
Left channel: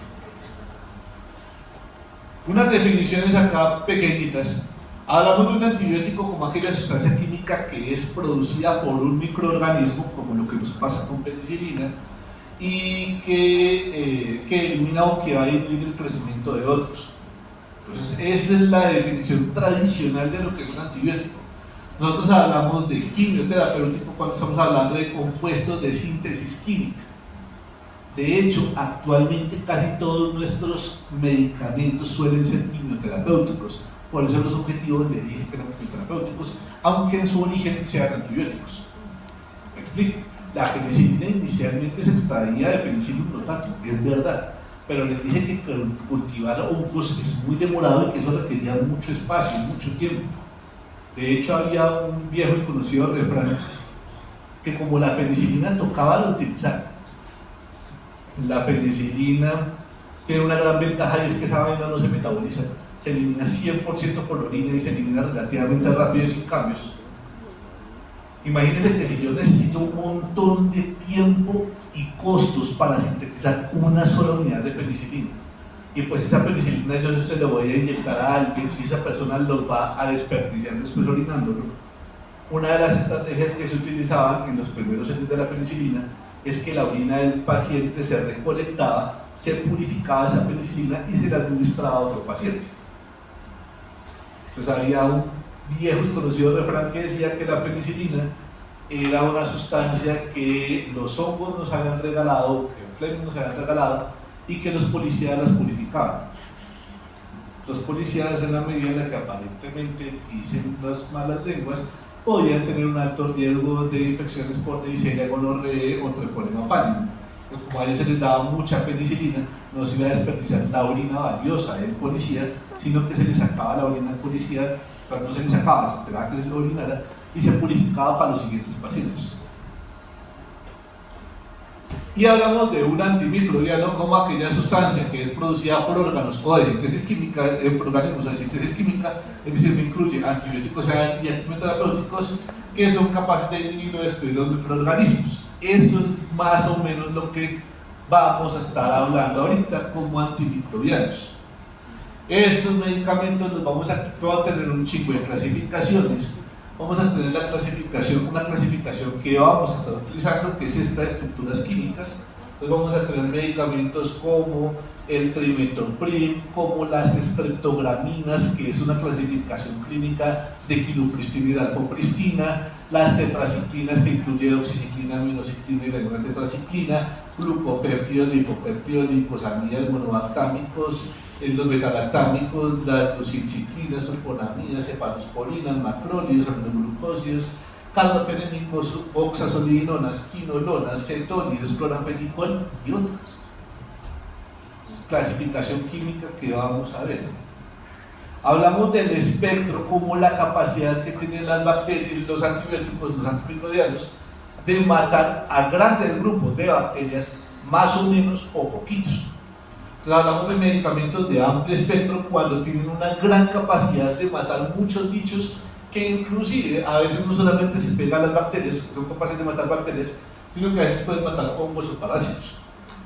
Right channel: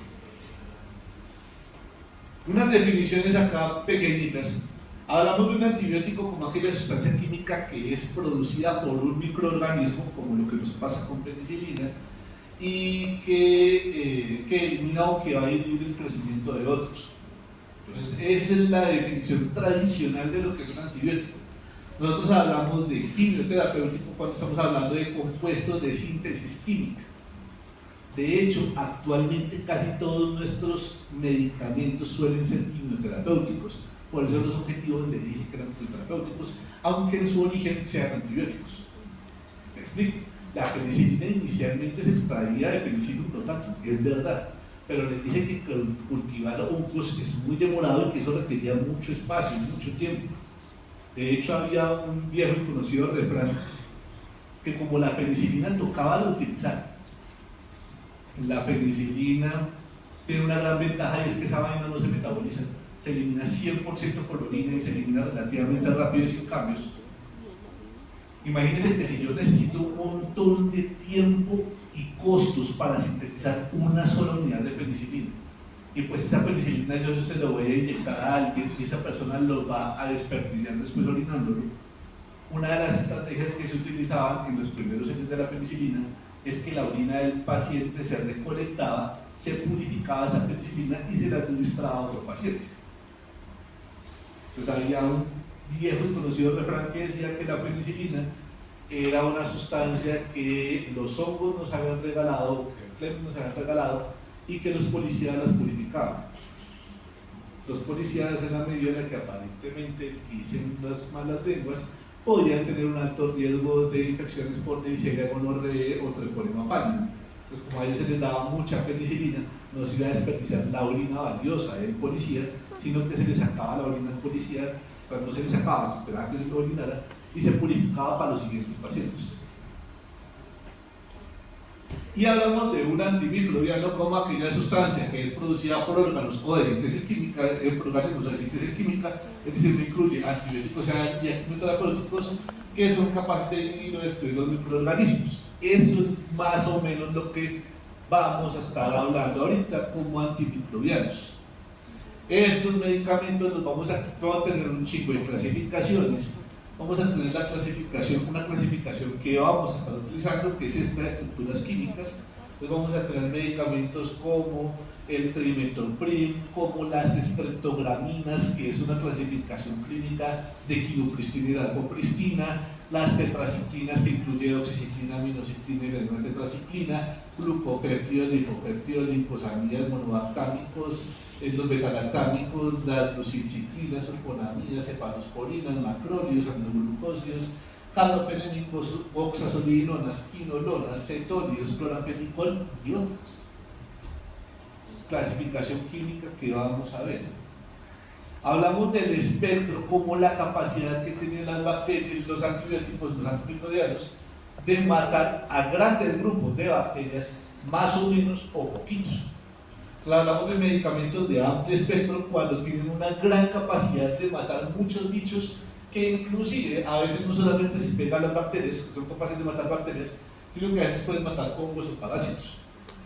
Unas definiciones acá pequeñitas. Hablamos de un antibiótico como aquella sustancia química que es producida por un microorganismo, como lo que nos pasa con penicilina, y que elimina o que va a inhibir el crecimiento de otros. Entonces, esa es la definición tradicional de lo que es un antibiótico. Nosotros hablamos de quimioterapéutico cuando estamos hablando de compuestos de síntesis química. De hecho, actualmente casi todos nuestros medicamentos suelen ser quimioterapéuticos. Por eso los objetivos le dije que eran quimioterapéuticos, aunque en su origen sean antibióticos. Me explico. La penicilina inicialmente se extraía de Penicillium notatum, es verdad, pero les dije que cultivar hongos es muy demorado y que eso requería mucho espacio y mucho tiempo. De hecho, había un viejo y conocido refrán que como la penicilina tocaba reutilizar. La penicilina tiene una gran ventaja y es que esa vaina no se metaboliza, se elimina 100% por la orina y se elimina relativamente rápido y sin cambios. Imagínense que si yo necesito un montón de tiempo y costos para sintetizar una sola unidad de penicilina, y pues esa penicilina yo se lo voy a inyectar a alguien y esa persona lo va a desperdiciar después orinándolo. Una de las estrategias que se utilizaban en los primeros años de la penicilina es que la orina del paciente se recolectaba, se purificaba esa penicilina y se la administraba a otro paciente. Pues había un viejo y conocido refrán que decía que la penicilina era una sustancia que los hongos nos habían regalado, que los Fleming nos habían regalado, y que los policías las purificaban. Los policías, en la medida en la que aparentemente dicen las malas lenguas, podían tener un alto riesgo de infecciones por Neisseria gonorrhoeae o treponema pálido. Pues como a ellos se les daba mucha penicilina, no se iba a desperdiciar la orina valiosa del policía, sino que se les sacaba la orina al policía, cuando se les sacaba, se esperaba que se lo orinara y se purificaba para los siguientes pacientes. Y hablamos de un antimicrobiano como aquella sustancia que es producida por órganos o de síntesis química, por organismos de síntesis química, es decir, me incluye antibióticos y quimioterapéuticos que son capaces de inhibir o destruir los microorganismos. Eso es más o menos lo que vamos a estar hablando ahorita como antimicrobianos. Estos medicamentos los vamos a tener un chingo de clasificaciones. Vamos a tener una clasificación que vamos a estar utilizando, que es esta de estructuras químicas. Entonces vamos a tener medicamentos como el trimethoprim, como las streptograminas, que es una clasificación clínica de quinupristina y dalfopristina, las tetraciclinas, que incluye doxiciclina, aminociclina y la tetraciclina, glucopéptidos, lipopéptidos, liposamidas, monobactámicos, los betalactámicos, las glucilciclinas, sulfonamidas, cefalosporinas, macrólidos, aminoglucósidos, carbapenémicos, oxazolidinonas, quinolonas, cetólidos, cloramfenicol y otras. Clasificación química que vamos a ver. Hablamos del espectro como la capacidad que tienen las bacterias, los antibióticos, los antimicrobianos, de matar a grandes grupos de bacterias, más o menos o poquitos. Entonces hablamos de medicamentos de amplio espectro cuando tienen una gran capacidad de matar muchos bichos que inclusive a veces no solamente se pegan las bacterias, que son capaces de matar bacterias, sino que a veces pueden matar hongos o parásitos.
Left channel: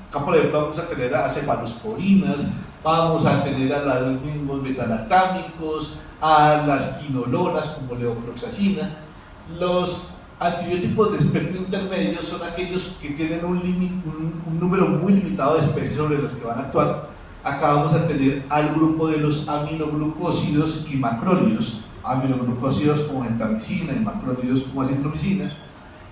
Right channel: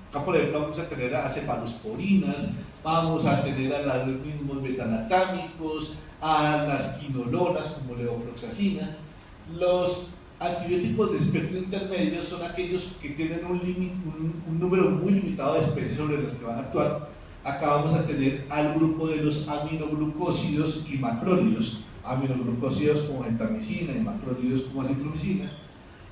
Acá por ejemplo vamos a tener a cefalosporinas, vamos a tener a los mismos betalactámicos, a las quinolonas como levofloxacina. Los antibióticos de espectro intermedio son aquellos que tienen un número muy limitado de especies sobre las que van a actuar. Acá vamos a tener al grupo de los aminoglucósidos y macrólidos, aminoglucósidos como gentamicina y macrólidos como acitromicina,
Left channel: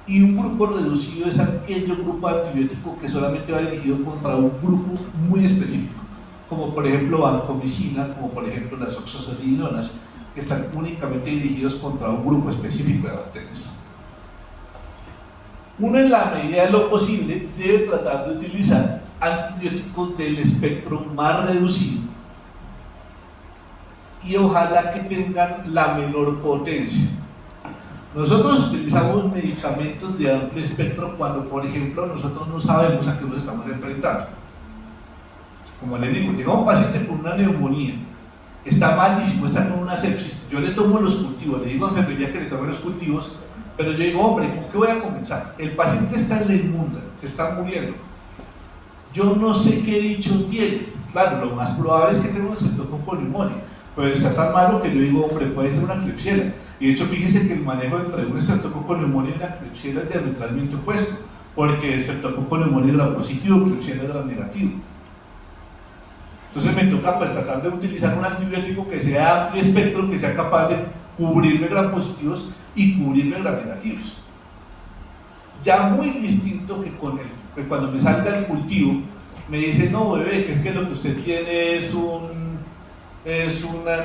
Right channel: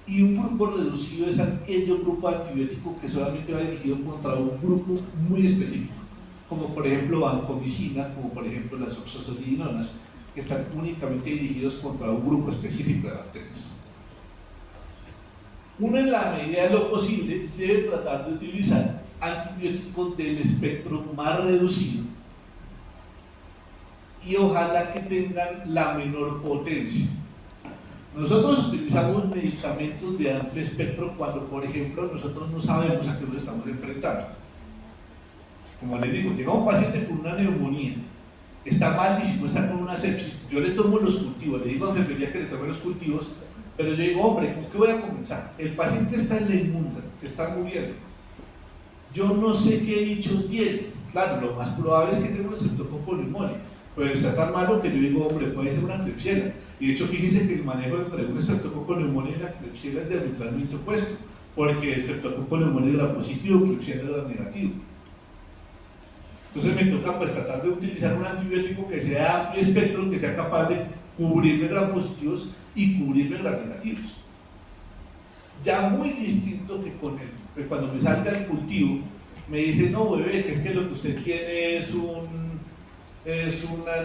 y un grupo reducido es aquel grupo antibiótico que solamente va dirigido contra un grupo muy específico, como por ejemplo vancomicina, como por ejemplo las oxazolidinonas, que están únicamente dirigidos contra un grupo específico de bacterias. Uno, en la medida de lo posible, debe tratar de utilizar antibióticos del espectro más reducido y ojalá que tengan la menor potencia. Nosotros utilizamos medicamentos de amplio espectro cuando, por ejemplo, nosotros no sabemos a qué nos estamos enfrentando. Como les digo, llega un paciente con una neumonía está malísimo, está con una sepsis, yo le tomo los cultivos, le digo a enfermería que le tome los cultivos, pero yo digo, hombre, ¿con qué voy a comenzar? El paciente está en la inmunda, se está muriendo. Yo no sé qué dicho tiene. Claro, lo más probable es que tenga un estreptococo neumonía, pero está tan malo que yo digo, hombre, puede ser una Klebsiella. Y de hecho, fíjense que el manejo entre un estreptococo neumonía y una Klebsiella es diametralmente opuesto, porque estreptococo neumonía era positivo, Klebsiella era negativo. Entonces me toca pues tratar de utilizar un antibiótico que sea amplio espectro, que sea capaz de cubrirme gram positivos y cubrirme gram negativos. Ya muy distinto que con que cuando me salga el cultivo me dice, no bebé, que es que lo que usted tiene es una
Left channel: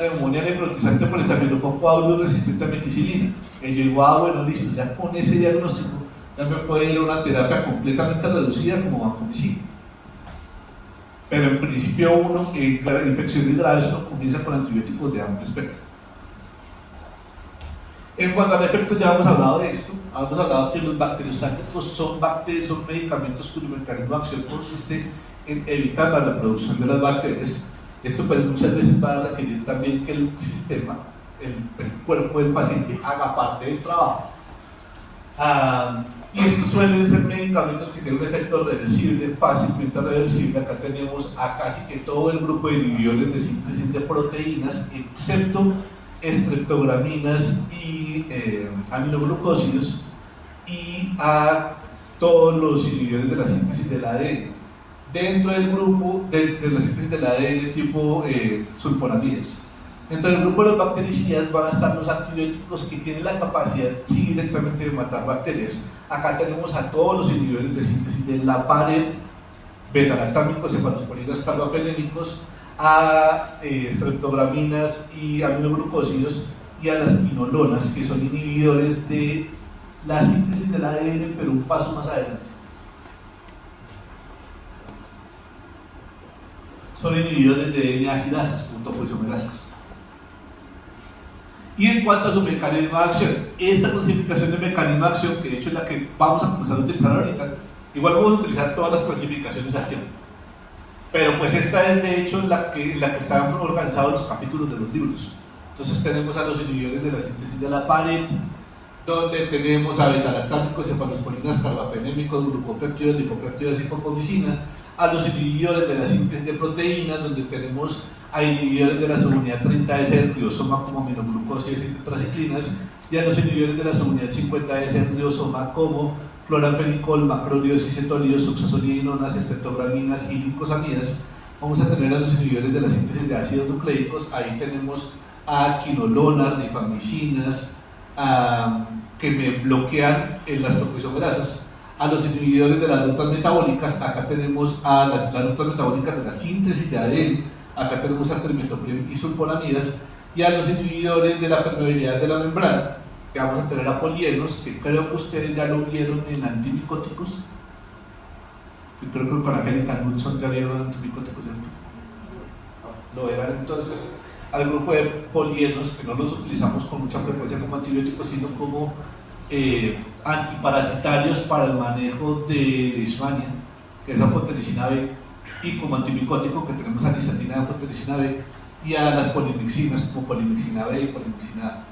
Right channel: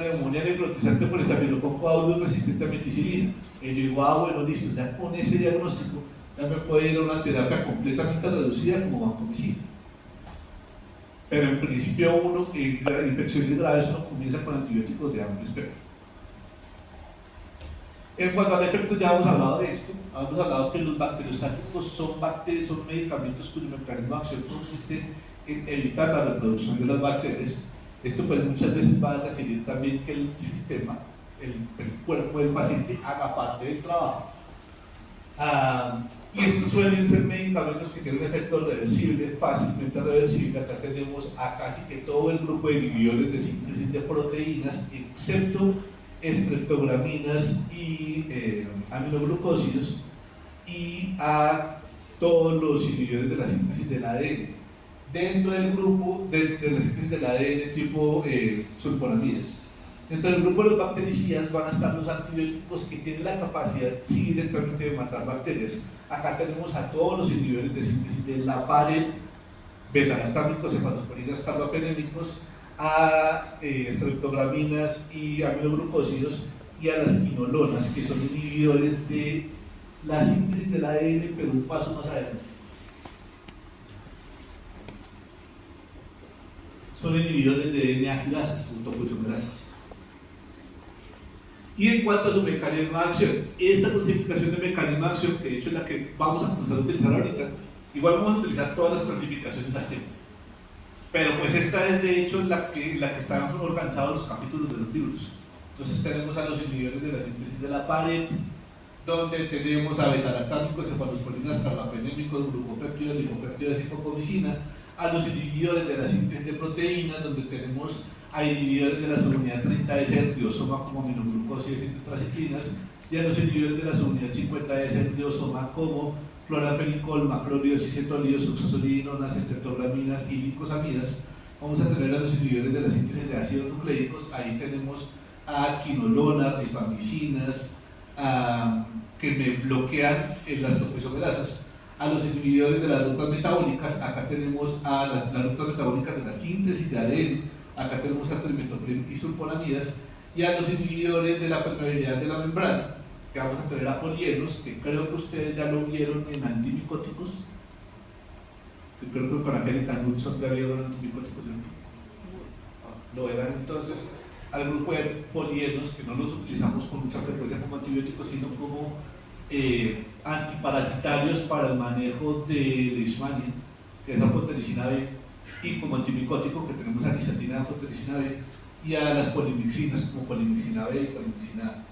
neumonía necrotizante por estafilococo aureus resistente a meticilina. Y yo digo, bueno, listo, ya con ese diagnóstico ya me puede ir a una terapia completamente reducida como vancomicina. Pero en principio uno, en infecciones graves, uno comienza con antibióticos de amplio espectro. En cuanto al efecto, ya hemos hablado de esto, hemos hablado que los bacteriostáticos son medicamentos cuyo mecanismo de acción consiste en evitar la reproducción de las bacterias. Esto pues muchas veces va a requerir también que el sistema, el cuerpo del paciente haga parte del trabajo. Y estos suelen ser medicamentos que tienen un efecto reversible, fácilmente reversible. Acá tenemos a casi que todo el grupo de inhibidores de síntesis de proteínas, excepto estreptograminas y aminoglucósidos, y a todos los inhibidores de la síntesis del ADN. Dentro del grupo de la síntesis del ADN tipo sulfonamidas. Dentro del grupo de los bactericidas van a estar los antibióticos que tienen la capacidad sí directamente de matar bacterias. Acá tenemos a todos los inhibidores de síntesis de la pared, beta-lactámicos, cefalosporinas, carbapenémicos, a estreptograminas y aminoglucósidos, y a las quinolonas, que son inhibidores de la síntesis del ADN, pero un paso más adelante. Son inhibidores de DNA girasas, topoisomerasas. Y en cuanto a su mecanismo de acción, esta clasificación de mecanismo de acción, que de hecho es la que vamos a comenzar a utilizar ahorita, igual vamos a utilizar todas las clasificaciones al tiempo, pero pues esta es de hecho la que están organizados los capítulos de los libros. Entonces tenemos a los inhibidores de la síntesis de la pared, donde tenemos a beta-lactámicos, cefalosporinas, carbapenémicos, glucopéptidos, lipopéptidos y hipocomicina, a los inhibidores de la síntesis de proteínas, donde tenemos a inhibidores de la subunidad 30S del riosoma como aminoglucósidos y tetraciclinas, y a los inhibidores de la subunidad 50S del riosoma como cloranfenicol, macrólidos, isotonidos, oxazolidinonas, estreptograminas y glicosamidas. Vamos a tener a los inhibidores de la síntesis de ácidos nucleicos, ahí tenemos a quinolonas, rifamicinas, que me bloquean en las topoisomerasas. A los inhibidores de las rutas metabólicas, acá tenemos a las rutas metabólicas de la síntesis de ADN, acá tenemos a trimestoprim y sulfonamidas, y a los inhibidores de la permeabilidad de la membrana, que vamos a tener a polienos, que creo que ustedes ya lo vieron en antimicóticos, que creo que con Angélica Knudson ya vieron antimicóticos, lo verán entonces al grupo de polienos, que no los utilizamos con mucha frecuencia como antibióticos, sino como antiparasitarios para el manejo de leishmania, que es anfotericina B, y como antimicótico que tenemos a nistatina de anfotericina B, y a las polimixinas como polimixina B y polimixina A.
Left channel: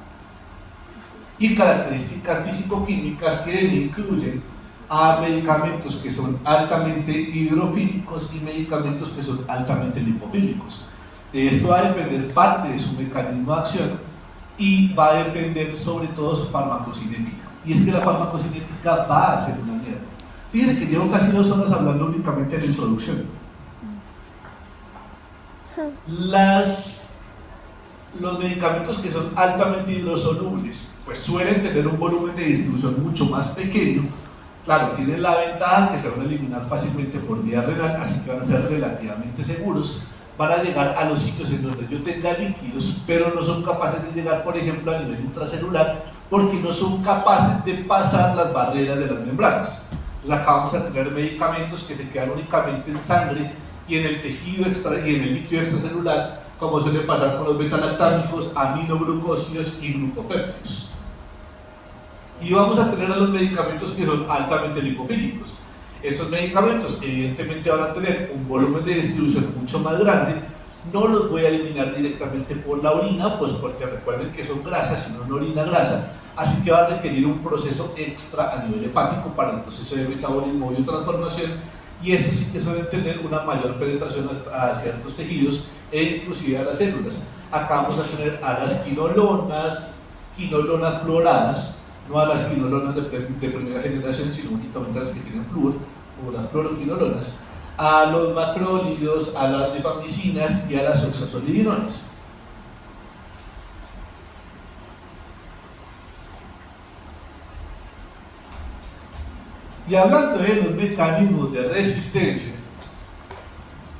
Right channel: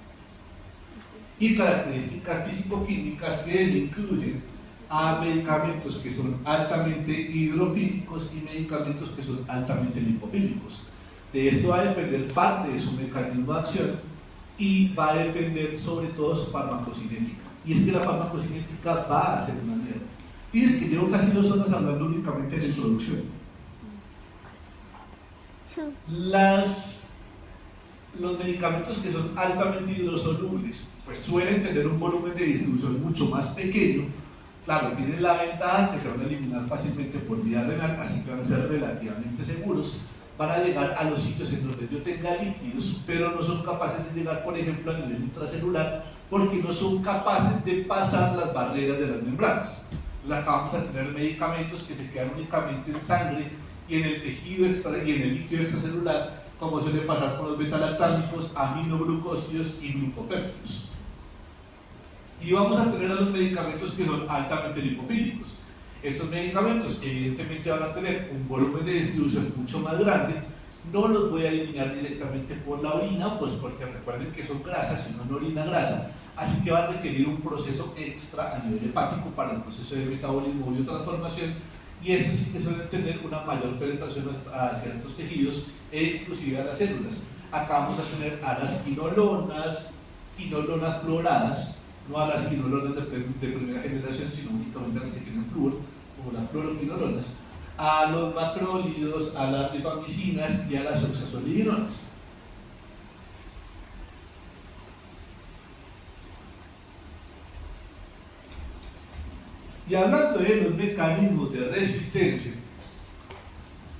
Y características físico-químicas que incluyen a medicamentos que son altamente hidrofílicos y medicamentos que son altamente lipofílicos. De esto va a depender parte de su mecanismo de acción y va a depender sobre todo su farmacocinética. Y es que la farmacocinética va a ser una mierda. Fíjense que llevo casi 2 horas hablando únicamente de la introducción. Los medicamentos que son altamente hidrosolubles pues suelen tener un volumen de distribución mucho más pequeño. Claro, tienen la ventaja que se van a eliminar fácilmente por vía renal, así que van a ser relativamente seguros. Van a llegar a los sitios en donde yo tenga líquidos, pero no son capaces de llegar, por ejemplo, a nivel intracelular, porque no son capaces de pasar las barreras de las membranas. Entonces acá vamos a tener medicamentos que se quedan únicamente en sangre y en el tejido y en el líquido extracelular, como suele pasar con los beta-lactámicos, aminoglucósidos y glucopéptidos. Y vamos a tener a los medicamentos que son altamente lipofílicos. Estos medicamentos evidentemente van a tener un volumen de distribución mucho más grande No los voy a eliminar directamente por la orina, pues porque recuerden que son grasas y no una orina grasa, así que va a requerir un proceso extra a nivel hepático para el proceso de metabolismo y transformación, y estos sí que suelen tener una mayor penetración a ciertos tejidos e inclusive a las células. Acá vamos a tener a las quinolonas fluoradas, no a las quinolonas de primera generación, sino únicamente a las que tienen flúor, como las fluoroquinolonas, a los macrólidos, a las rifamicinas y a las oxazolidinones. Y hablando de los mecanismos de resistencia,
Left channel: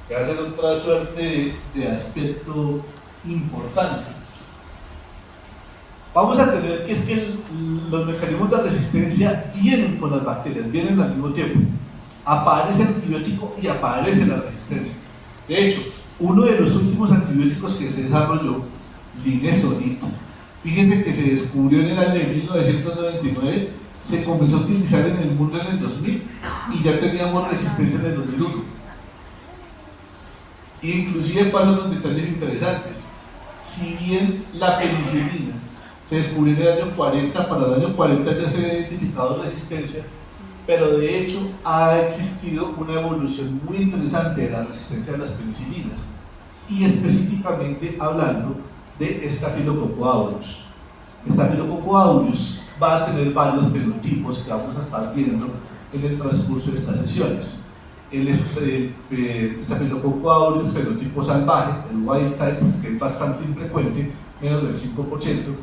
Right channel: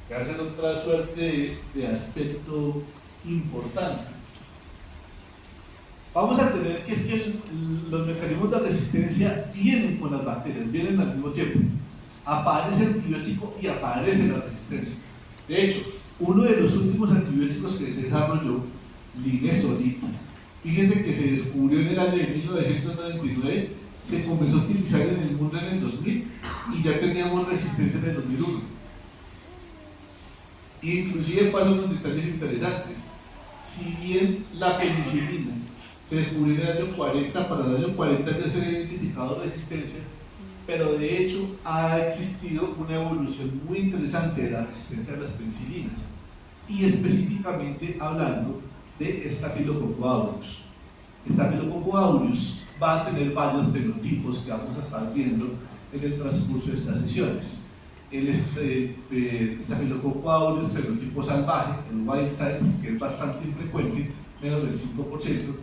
que hacen otra suerte de aspecto importante, vamos a tener que es que los mecanismos de resistencia vienen con las bacterias, vienen al mismo tiempo. Aparece el antibiótico y aparece la resistencia. De hecho, uno de los últimos antibióticos que se desarrolló, Linezolid, fíjense que se descubrió en el año de 1999, se comenzó a utilizar en el mundo en el 2000 y ya teníamos resistencia en el 2001. Inclusive pasan los detalles interesantes. Si bien la penicilina se descubrió en el año 40, para el año 40 ya se había identificado resistencia, pero de hecho ha existido una evolución muy interesante de la resistencia a las penicilinas, y específicamente hablando de Staphylococcus aureus. Staphylococcus aureus va a tener varios fenotipos que vamos a estar viendo en el transcurso de estas sesiones. El Staphylococcus aureus fenotipo salvaje, el wild type, que es bastante infrecuente, menos del 5%,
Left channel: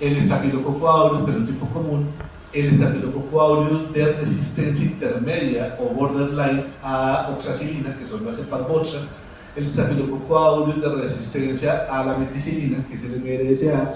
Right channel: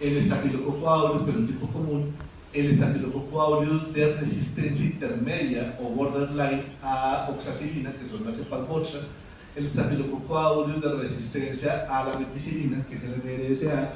el Staphylococcus aureus fenotipo común, el Staphylococcus aureus de resistencia intermedia o borderline a oxacilina, que son las cepas bocha, el Staphylococcus aureus de resistencia a la meticilina, que es el MRSA,